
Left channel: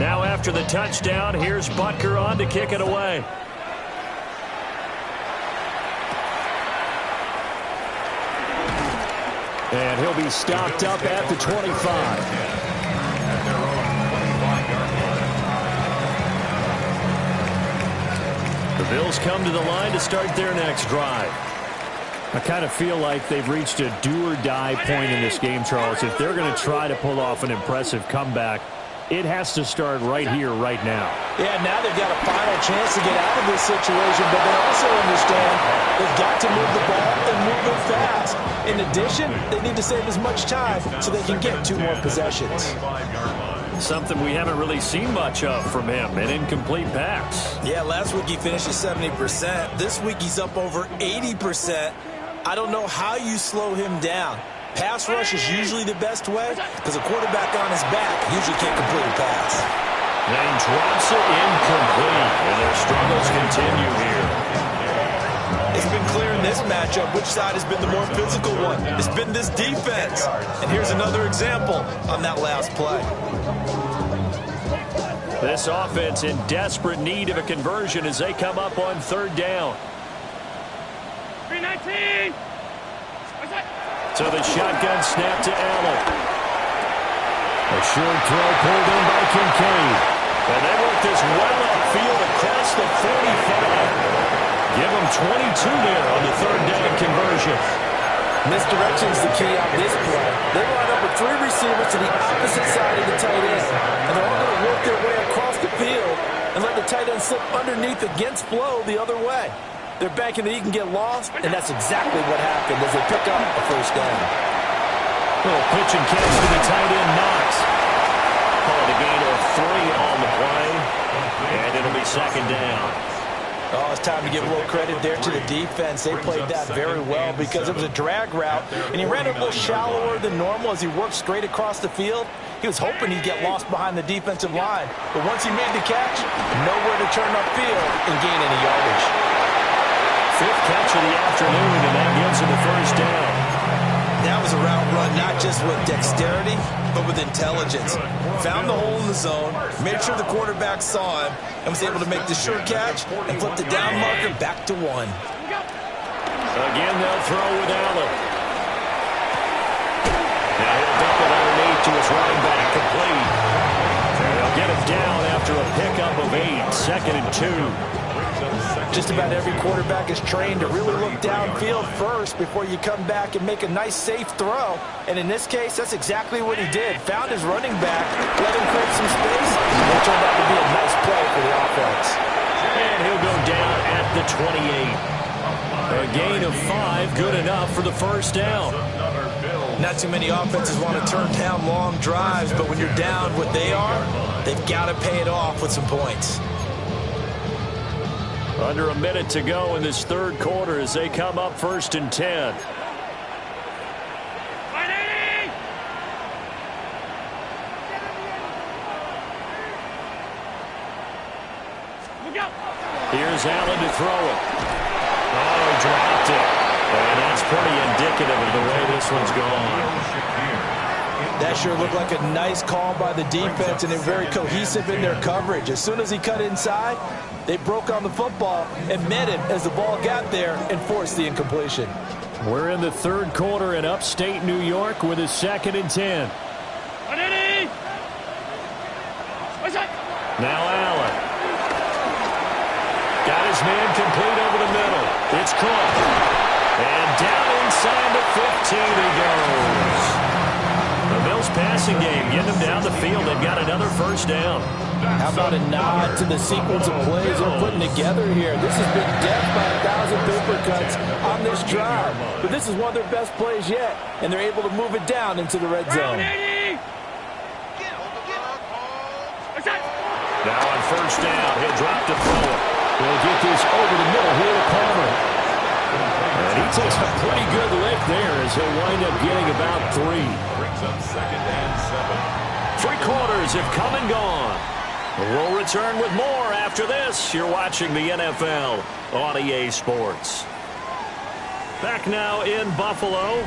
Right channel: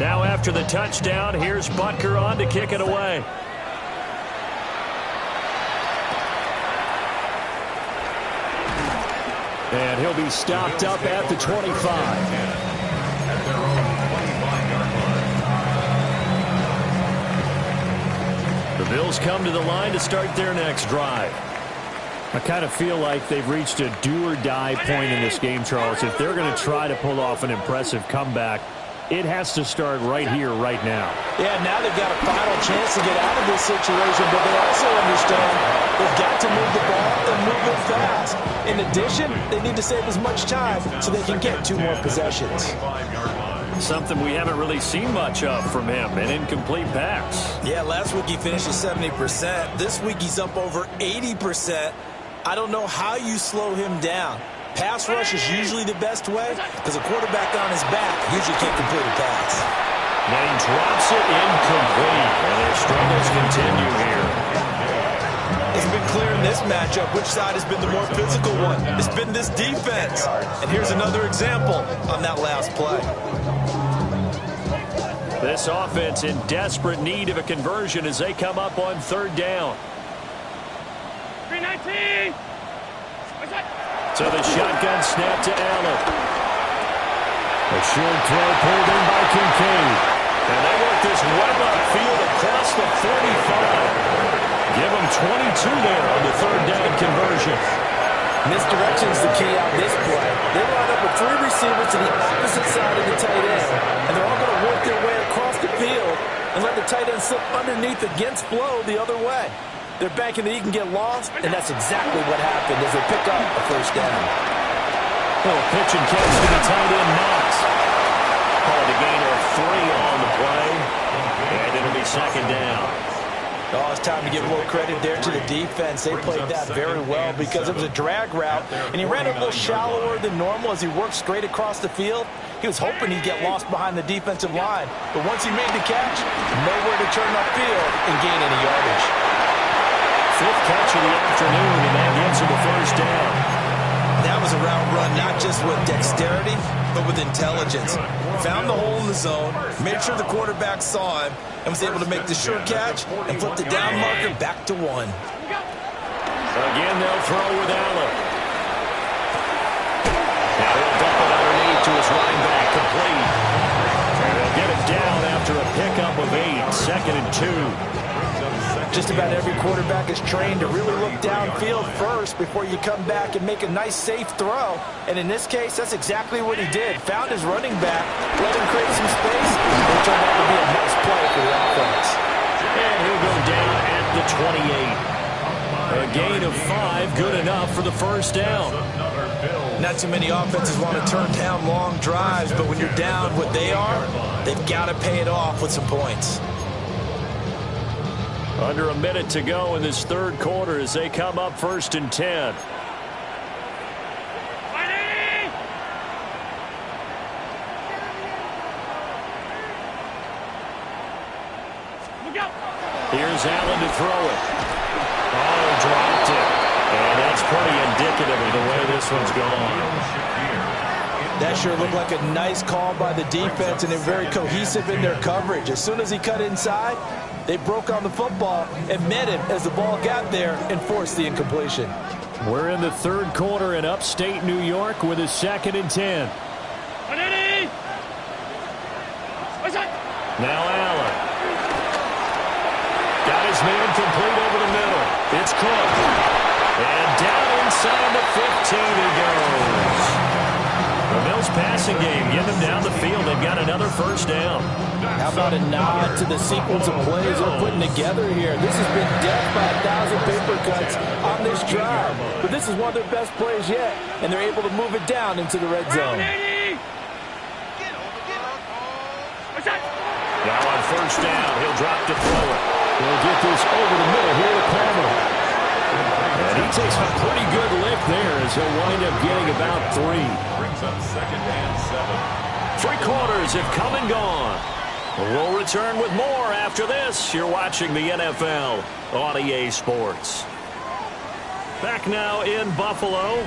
Now after the touchdown, here's Butker on to kick it away. And he'll be stopped up at the 25. At their own 25-yard line. The Bills come to the line to start their next drive. I kind of feel like they've reached a do-or-die point in this game, Charles. If they're going to try to pull off an impressive comeback, it has to start right here, right now. Yeah, now they've got a final chance to get out of this situation, but they also understand they've got to move the ball and move it fast. In addition, they need to save as much time so they can get 2 more possessions. Something we haven't really seen much of from him, an incomplete pass. Yeah, last week he finished at 70%. This week he's up over 80%. I don't know how you slow him down. Pass rush is usually the best way, because a quarterback on his back usually can't complete a pass. And he drops it incomplete, and their struggles continue here. It's been clear in this matchup which side has been the more physical one. It's been this defense. And here's another example on that last play. This offense in desperate need of a conversion as they come up on third down. 319. So the shotgun snap to Allen. A short throw pulled in by Kincaid. And they work this well upfield across the 45. Give them 22 there on the third down conversion. Misdirection's the key on this play. They line up with 3 receivers to the opposite side of the tight end, and they're all going to work their way across the field and let the tight end slip underneath against flow the other way. They're banking that he can get lost, and that's exactly what happened as they pick up a first down. Little pitch and catch to the tight end, Knox. Call it a gain of 3 on the play, and it'll be second down. Oh, it's time to give a little credit there to the defense. They played that very well because it was a drag route, and he ran a little shallower than normal as he worked straight across the field. He was hoping he'd get lost behind the defensive line, but once he made the catch, nowhere to turn upfield and gain any yardage. 5th catch of the afternoon, and that gives him a first down. That was a route run not just with dexterity, but with intelligence. Found the hole in the zone, made sure the quarterback saw him, and was able to make the sure catch and flip the down marker back to 1. Again, they'll throw with Allen. Now he'll dump it underneath to his running back, complete. And they'll get it down after a pickup of 8, 2nd and 2. Just about every quarterback is trained to really look downfield first before you come back and make a nice, safe throw. And in this case, that's exactly what he did. Found his running back, let him create some space, and it turned out to be a nice play for the offense. And he'll go down at the 28. A gain of 5, good enough for the first down. Not too many offenses want to turn down long drives, but when you're down what they are, they've got to pay it off with some points. Under a minute to go in this third quarter as they come up 1st and 10. Here's Allen to throw it. Oh, he dropped it. And that's pretty indicative of the way this one's gone. That sure looked like a nice call by the defense, and they're very cohesive in their coverage. As soon as he cut inside, they broke on the football and met him as the ball got there and forced the incompletion. We're in the third quarter in upstate New York with a 2nd and 10. Now Allen. Got his man complete over the middle. It's Cook. And down inside the 15 he goes. The Bills passing game, getting them down the field. They've got another first down. How about a nod to the sequence of plays they're putting together here? This has been death by 1,000 paper cuts on this drive. But this is one of their best plays yet, and they're able to move it down into the red zone. Now on first down, he'll drop to throw it. He'll get this over the middle here to Palmer. And he takes a pretty good lift there as he'll wind up getting about 3. Brings up 2nd and 7. 3 quarters have come and gone. We'll return with more after this. You're watching the NFL on EA Sports. Back now in Buffalo.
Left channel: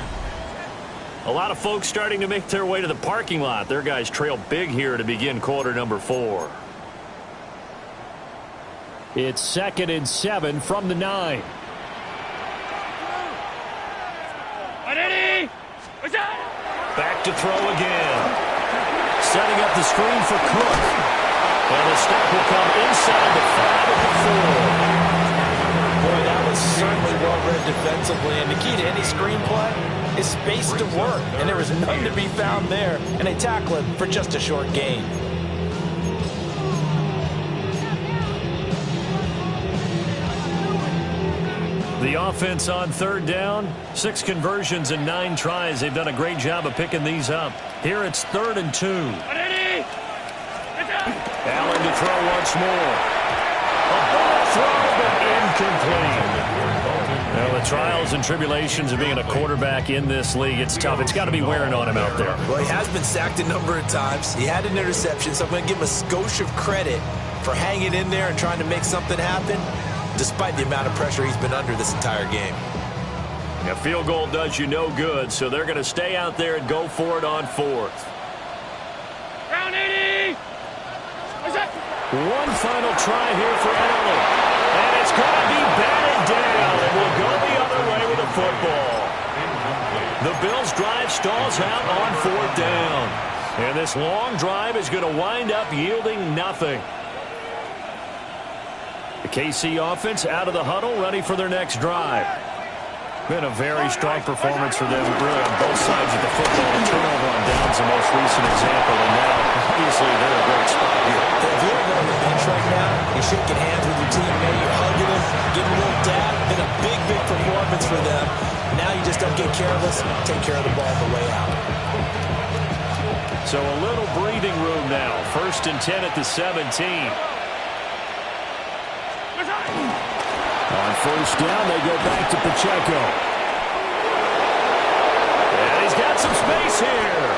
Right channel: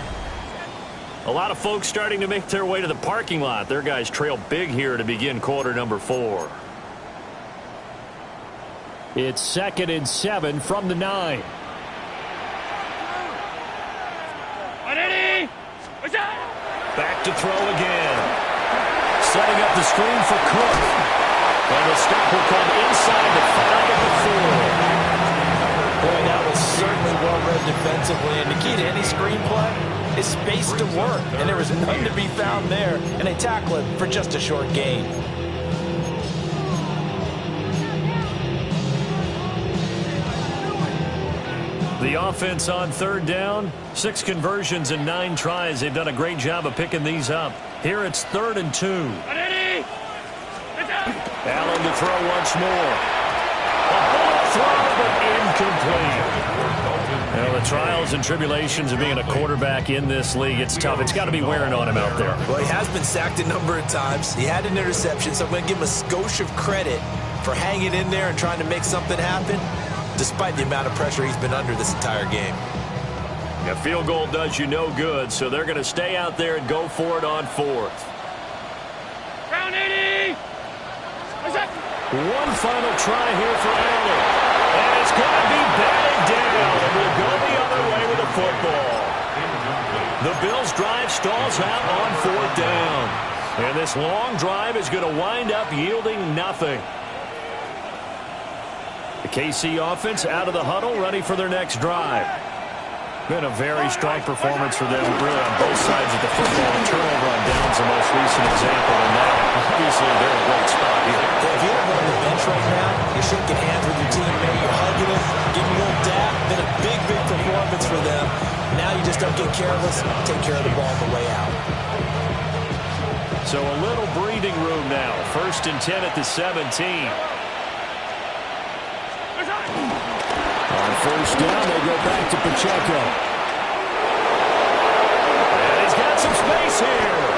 A lot of folks starting to make their way to the parking lot. Their guys trail big here to begin quarter number 4. It's 2nd and 7 from the 9. Back to throw again. Setting up the screen for Cook. And the stop will come inside the 5 at the 4. Boy, that was certainly well-read defensively. And the key to any screenplay is space to work. And there was none to be found there. And they tackle it for just a short gain. The offense on third down, 6 conversions and 9 tries. They've done a great job of picking these up. Here it's 3rd and 2. Allen to throw once more. A bullet throw, but incomplete. Now, the trials and tribulations of being a quarterback in this league, it's tough. It's got to be wearing on him out there. Well, he has been sacked a number of times. He had an interception, so I'm going to give him a skosh of credit for hanging in there and trying to make something happen, despite the amount of pressure he's been under this entire game. A field goal does you no good, so they're going to stay out there and go for it on 4th. Round 80! What's that? One final try here for Allen. And it's going to be batted down. And will go the other way with the football. The Bills' drive stalls out on 4th down. And this long drive is going to wind up yielding nothing. The KC offense out of the huddle, ready for their next drive. Been a very strong performance for them, really, on both sides of the football. The turnover on downs the most recent example, and now, obviously, they're in a great spot here. If you're on the bench right now, you're shaking hands with your teammate, you're hugging him, giving a little dap. Been a big, big performance for them. Now you just don't get careless, take care of the ball on the way out. So a little breathing room now. 1st and 10 at the 17. On 1st down, they go back to Pacheco. And he's got some space here.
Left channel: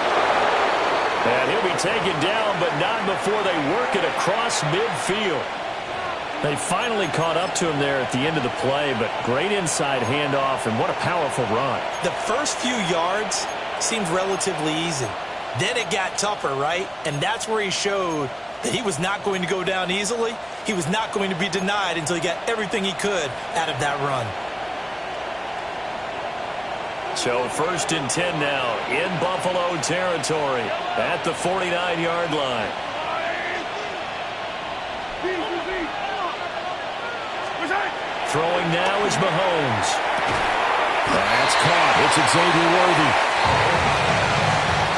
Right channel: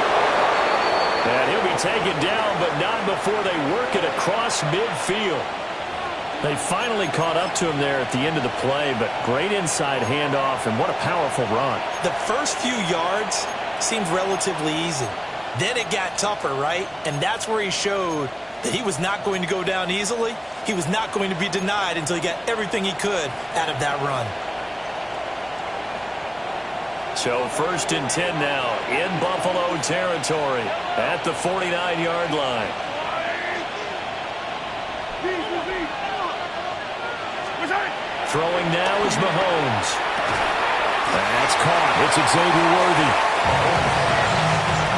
And he'll be taken down, but not before they work it across midfield. They finally caught up to him there at the end of the play, but great inside handoff, and what a powerful run. The first few yards seemed relatively easy. Then it got tougher, right? And that's where he showed that he was not going to go down easily. He was not going to be denied until he got everything he could out of that run. So 1st and 10 now in Buffalo territory at the 49-yard line. Throwing now is Mahomes. That's caught. It's Xavier Worthy.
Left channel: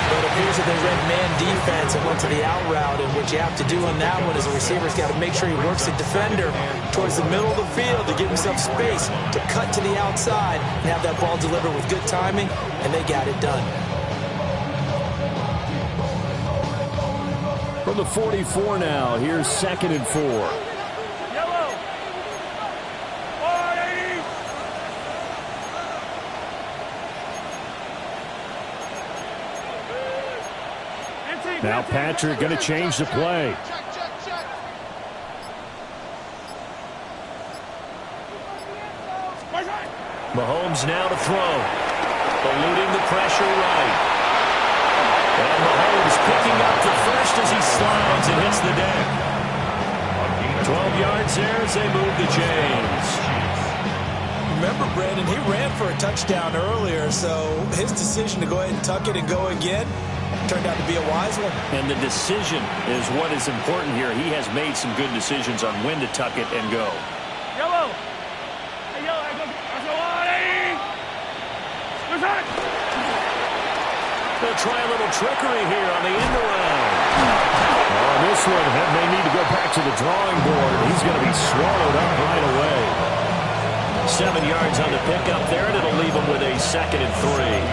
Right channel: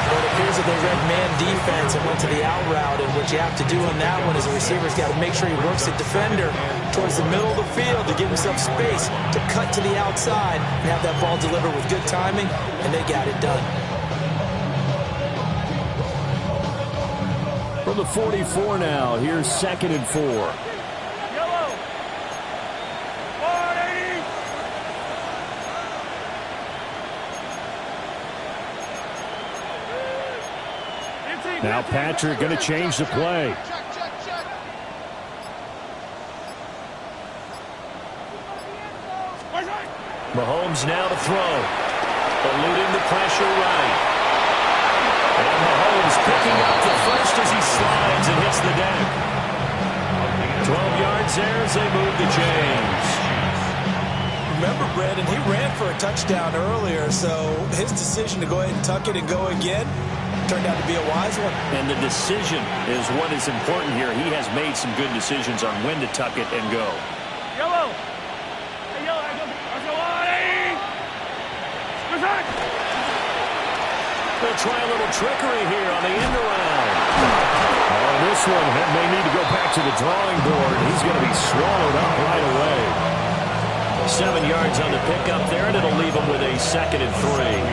But it appears that they read man defense and went to the out route, and what you have to do on that one is the receiver's got to make sure he works the defender towards the middle of the field to give himself space to cut to the outside and have that ball delivered with good timing, and they got it done. From the 44 now, here's 2nd and 4. Yellow. 180. Now Patrick going to change the play. Mahomes now to throw. Eluding the pressure right. And Mahomes picking up the first as he slides and hits the deck. 12 yards there as they move the chains. Remember, Brandon, he ran for a touchdown earlier, so his decision to go ahead and tuck it and go again turned out to be a wise one. And the decision is what is important here. He has made some good decisions on when to tuck it and go. Yellow. Hey, yellow. I go 180. They'll try a little trickery here on the end around. Oh, this one may need to go back to the drawing board. He's going to be swallowed up right away. 7 yards on the pickup there, and it'll leave him with a 2nd and 3.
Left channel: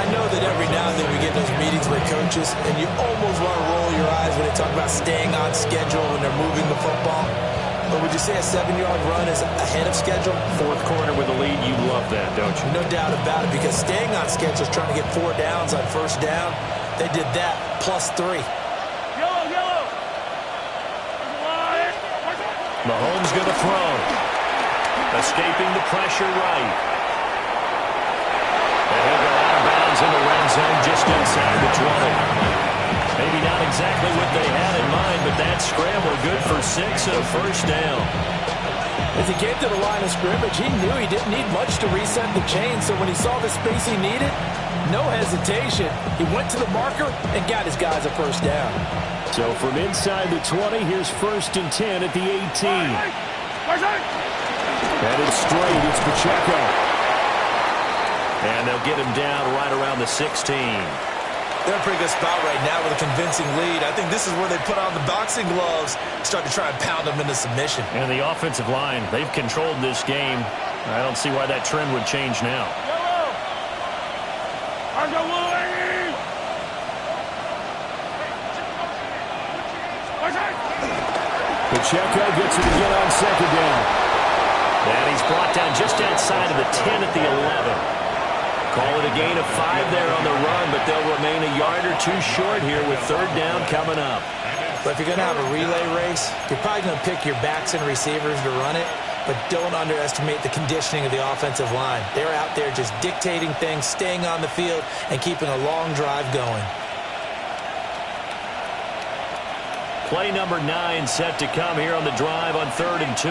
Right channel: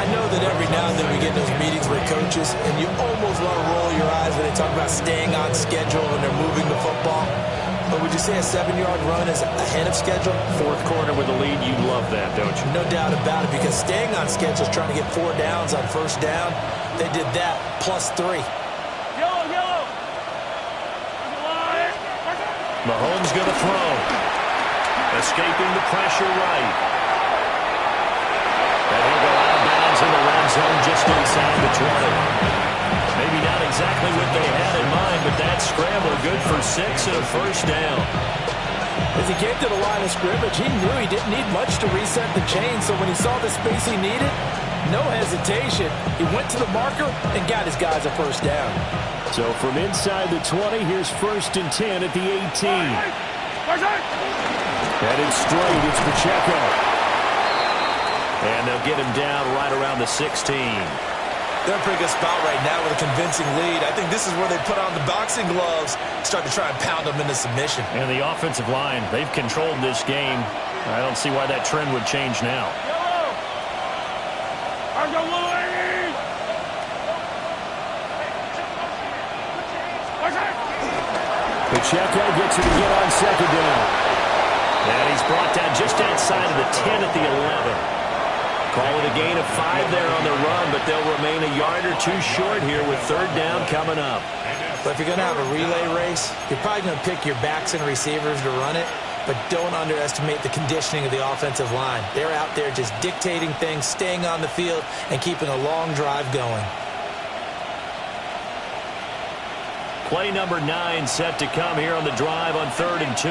I know that every now and then we get those meetings with coaches, and you almost want to roll your eyes when they talk about staying on schedule when they're moving the football. But would you say a 7-yard run is ahead of schedule? 4th quarter with a lead, you love that, don't you? No doubt about it, because staying on schedule is trying to get 4 downs on 1st down. They did that, plus 3. Yellow. Mahomes going to throw. Escaping the pressure right. And he'll go out of bounds in the red zone just inside the 20. Maybe not exactly what they had in mind, but that scramble good for 6 and a 1st down. As he came to the line of scrimmage, he knew he didn't need much to reset the chain, so when he saw the space he needed, no hesitation. He went to the marker and got his guys a 1st down. So from inside the 20, here's 1st and 10 at the 18. Headed straight, it's Pacheco. And they'll get him down right around the 16. They're in a pretty good spot right now with a convincing lead. I think this is where they put on the boxing gloves, start to try and pound them into submission. And the offensive line, they've controlled this game. I don't see why that trend would change now. Yellow. Argo 180. Pacheco gets it again on 2nd down. And he's brought down just outside of the 10 at the 11. Call it a gain of 5 there on the run, but they'll remain a yard or 2 short here with 3rd down coming up. But if you're going to have a relay race, you're probably going to pick your backs and receivers to run it, but don't underestimate the conditioning of the offensive line. They're out there just dictating things, staying on the field, and keeping a long drive going. Play number 9 set to come here on the drive on 3rd and 2.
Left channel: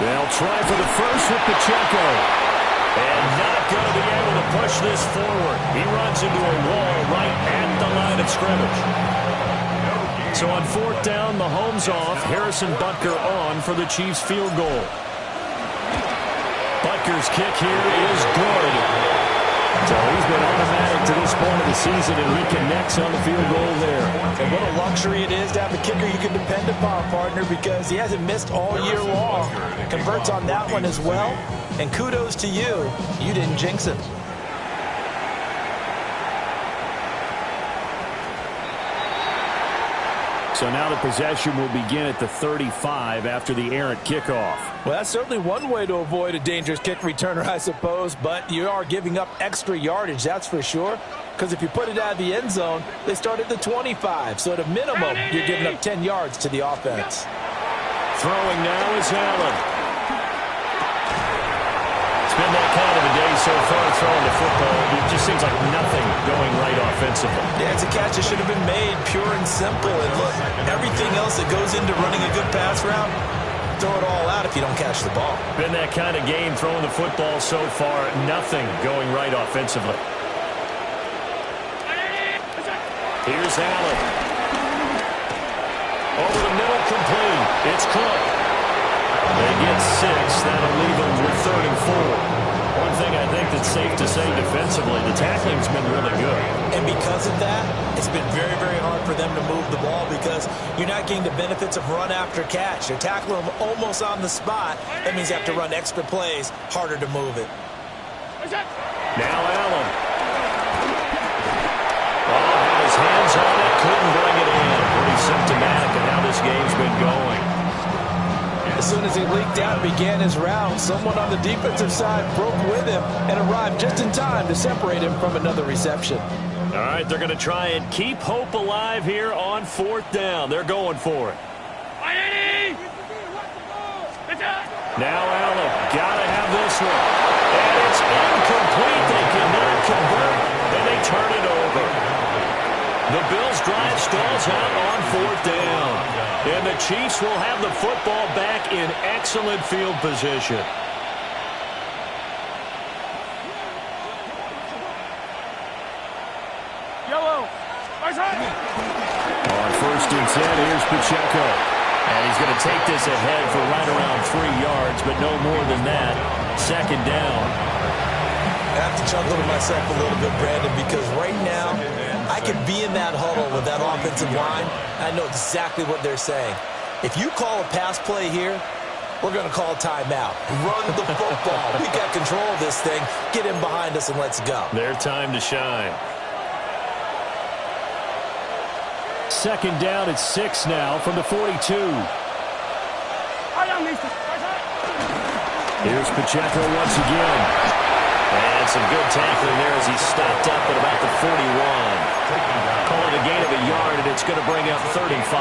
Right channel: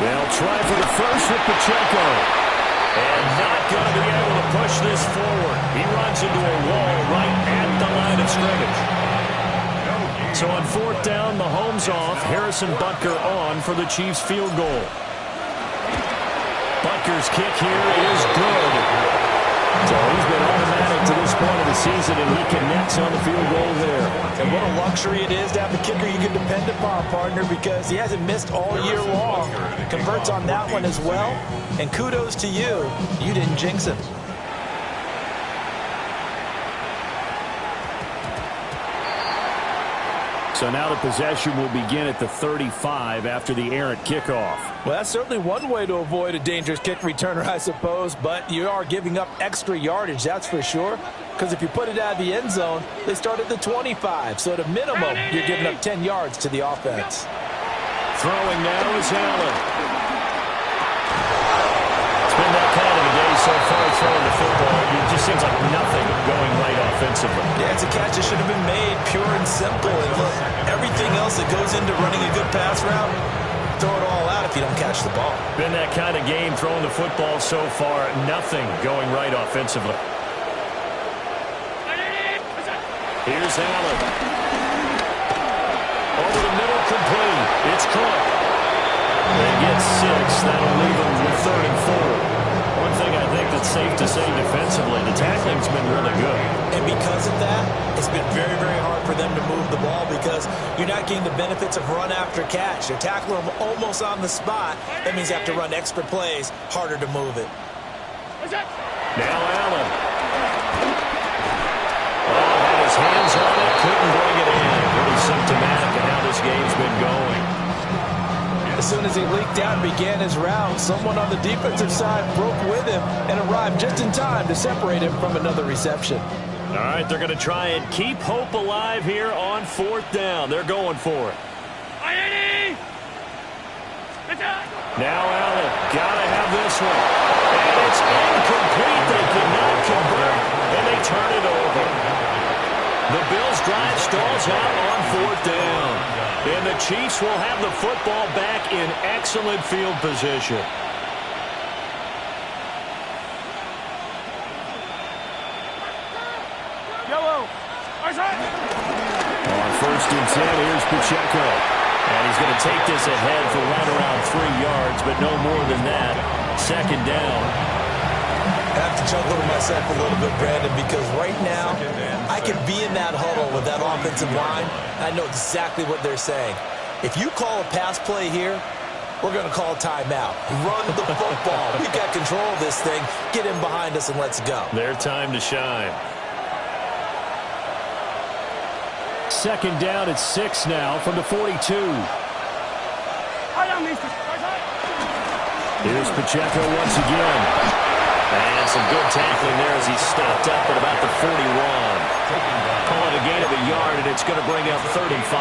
They'll try for the first with Pacheco. And not going to be able to push this forward. He runs into a wall right at the line of scrimmage. So on 4th down, Mahomes off. Harrison Butker on for the Chiefs field goal. Butker's kick here is good. So he's been automatic to this point of the season, and he connects on the field goal there. And what a luxury it is to have a kicker you can depend upon, partner, because he hasn't missed all year long. Converts on that one as well. And kudos to you. You didn't jinx him. So now the possession will begin at the 35 after the errant kickoff. Well, that's certainly one way to avoid a dangerous kick returner, I suppose, but you are giving up extra yardage, that's for sure, because if you put it out of the end zone, they start at the 25, so at a minimum, you're giving up 10 yards to the offense. Throwing now is Allen. It's been that kind of a day so far throwing the football. It just seems like nothing going right offensively. Yeah, it's a catch that should have been made, pure and simple. And look, everything else that goes into running a good pass route, throw it all out if you don't catch the ball. Been that kind of game throwing the football so far. Nothing going right offensively. Here's Allen. Over the middle, complete. It's Cook. They get 6. That'll leave them with 3rd and 4. One thing I think that's safe to say defensively, the tackling's been really good. And because of that, it's been very, very hard for them to move the ball because you're not getting the benefits of run after catch. They're tackling them almost on the spot. That means you have to run extra plays, harder to move it. Now Allen. Oh, had his hands on it, couldn't bring it in. Pretty symptomatic of how this game's been going. As soon as he leaked out and began his route, someone on the defensive side broke with him and arrived just in time to separate him from another reception. All right, they're going to try and keep hope alive here on 4th down. They're going for it. Now Allen, got to have this one. And it's incomplete. They cannot convert, and they turn it over. The Bills' drive stalls out on 4th down. And the Chiefs will have the football back in excellent field position. Yellow. On 1st and 10, here's Pacheco. And he's going to take this ahead for right around 3 yards, but no more than that. 2nd down. I have to chuckle to myself a little bit, Brandon, because right now I could be in that huddle with that offensive line. I know exactly what they're saying. If you call a pass play here, we're going to call a timeout. Run the football. We've got control of this thing. Get him behind us and let's go. Their time to shine. 2nd down at 6 now from the 42. Here's Pacheco once again. And some good tackling there as he stopped up at about the 41. Call it a gain of a yard, and it's going to bring up 3rd and 5.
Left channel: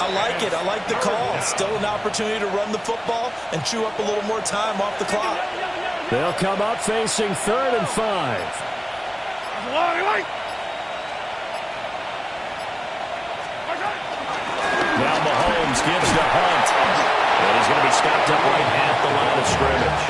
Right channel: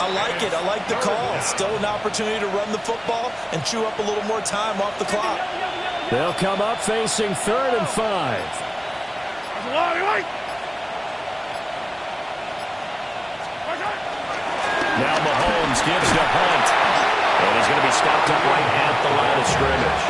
I like it. I like the call. Still an opportunity to run the football and chew up a little more time off the clock. They'll come up facing 3rd and 5. Now Mahomes gives to Hunt. And he's going to be stopped up right at the line of scrimmage.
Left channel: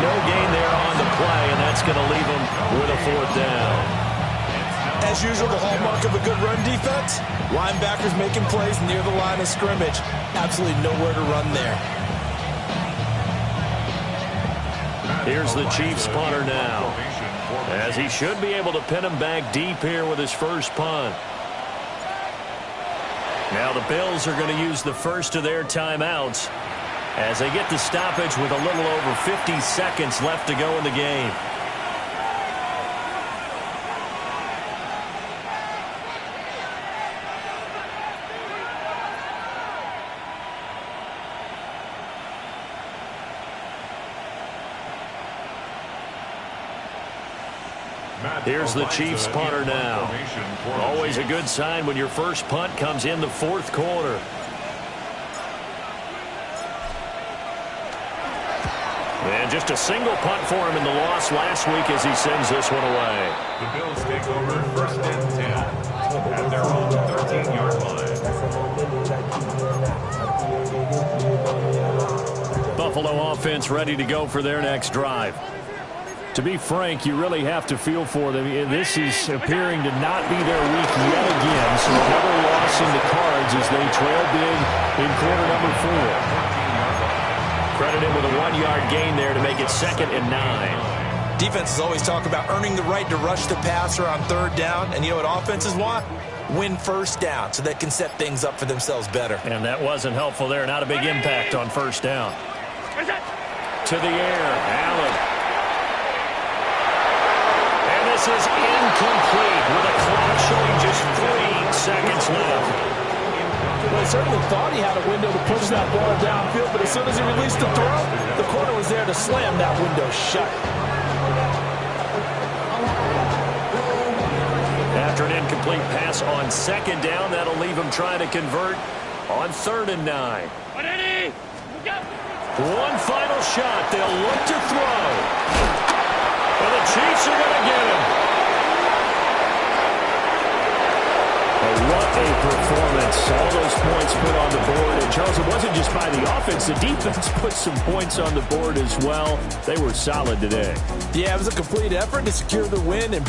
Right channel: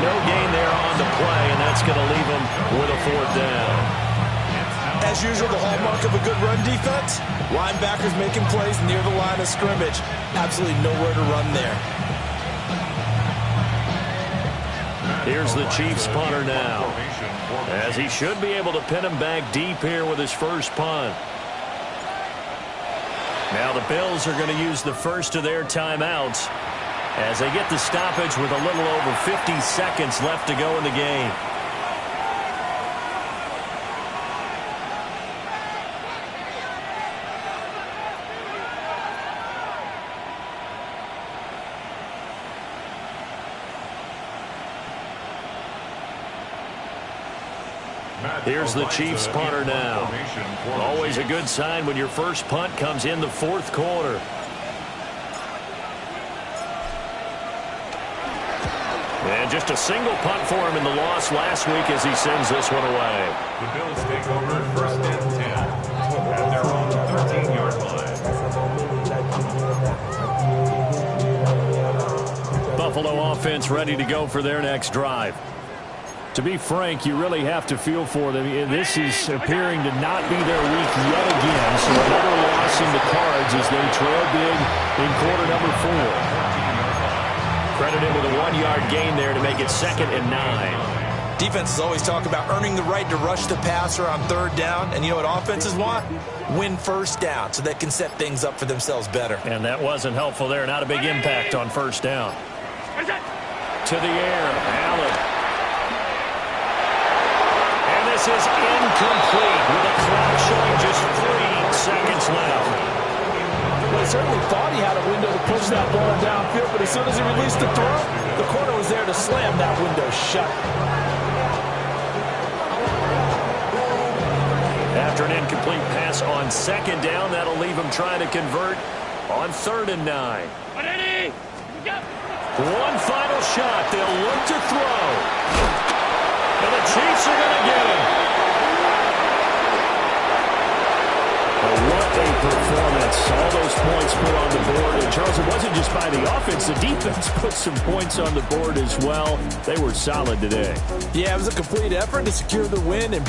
No gain there on the play, and that's going to leave him with a 4th down. As usual, the hallmark of a good run defense, linebackers making plays near the line of scrimmage. Absolutely nowhere to run there. Here's the Chiefs punter now, as he should be able to pin him back deep here with his first punt. Now the Bills are going to use the first of their timeouts as they get the stoppage with a little over 50 seconds left to go in the game. Here's the Chiefs punter now. Always a good sign when your first punt comes in the 4th quarter. And just a single punt for him in the loss last week as he sends this one away. The Bills take over first and 10 at their own 13-yard line. Buffalo offense ready to go for their next drive. To be frank, you really have to feel for them. This is appearing to not be their week yet again, so another loss in the cards as they trail big in quarter number 4. Credited with a 1-yard gain there to make it 2nd and 9. Defenses always talk about earning the right to rush the passer on 3rd down, and you know what offenses want? Win first down so they can set things up for themselves better. And that wasn't helpful there. Not a big impact on 1st down. To the air, Allen. And this is incomplete with a clock showing just 3 seconds left. Well, he certainly thought he had a window to push that ball downfield, but as soon as he released the throw, the corner was there to slam that window shut. After an incomplete pass on 2nd down, that'll leave him trying to convert on 3rd and 9. One final shot. They'll look to throw. And the Chiefs are going to get him. But what a performance. All those points put on the board. And, Charles, it wasn't just by the offense. The defense put some points on the board as well. They were solid today. Yeah, it was a complete effort to secure the win. And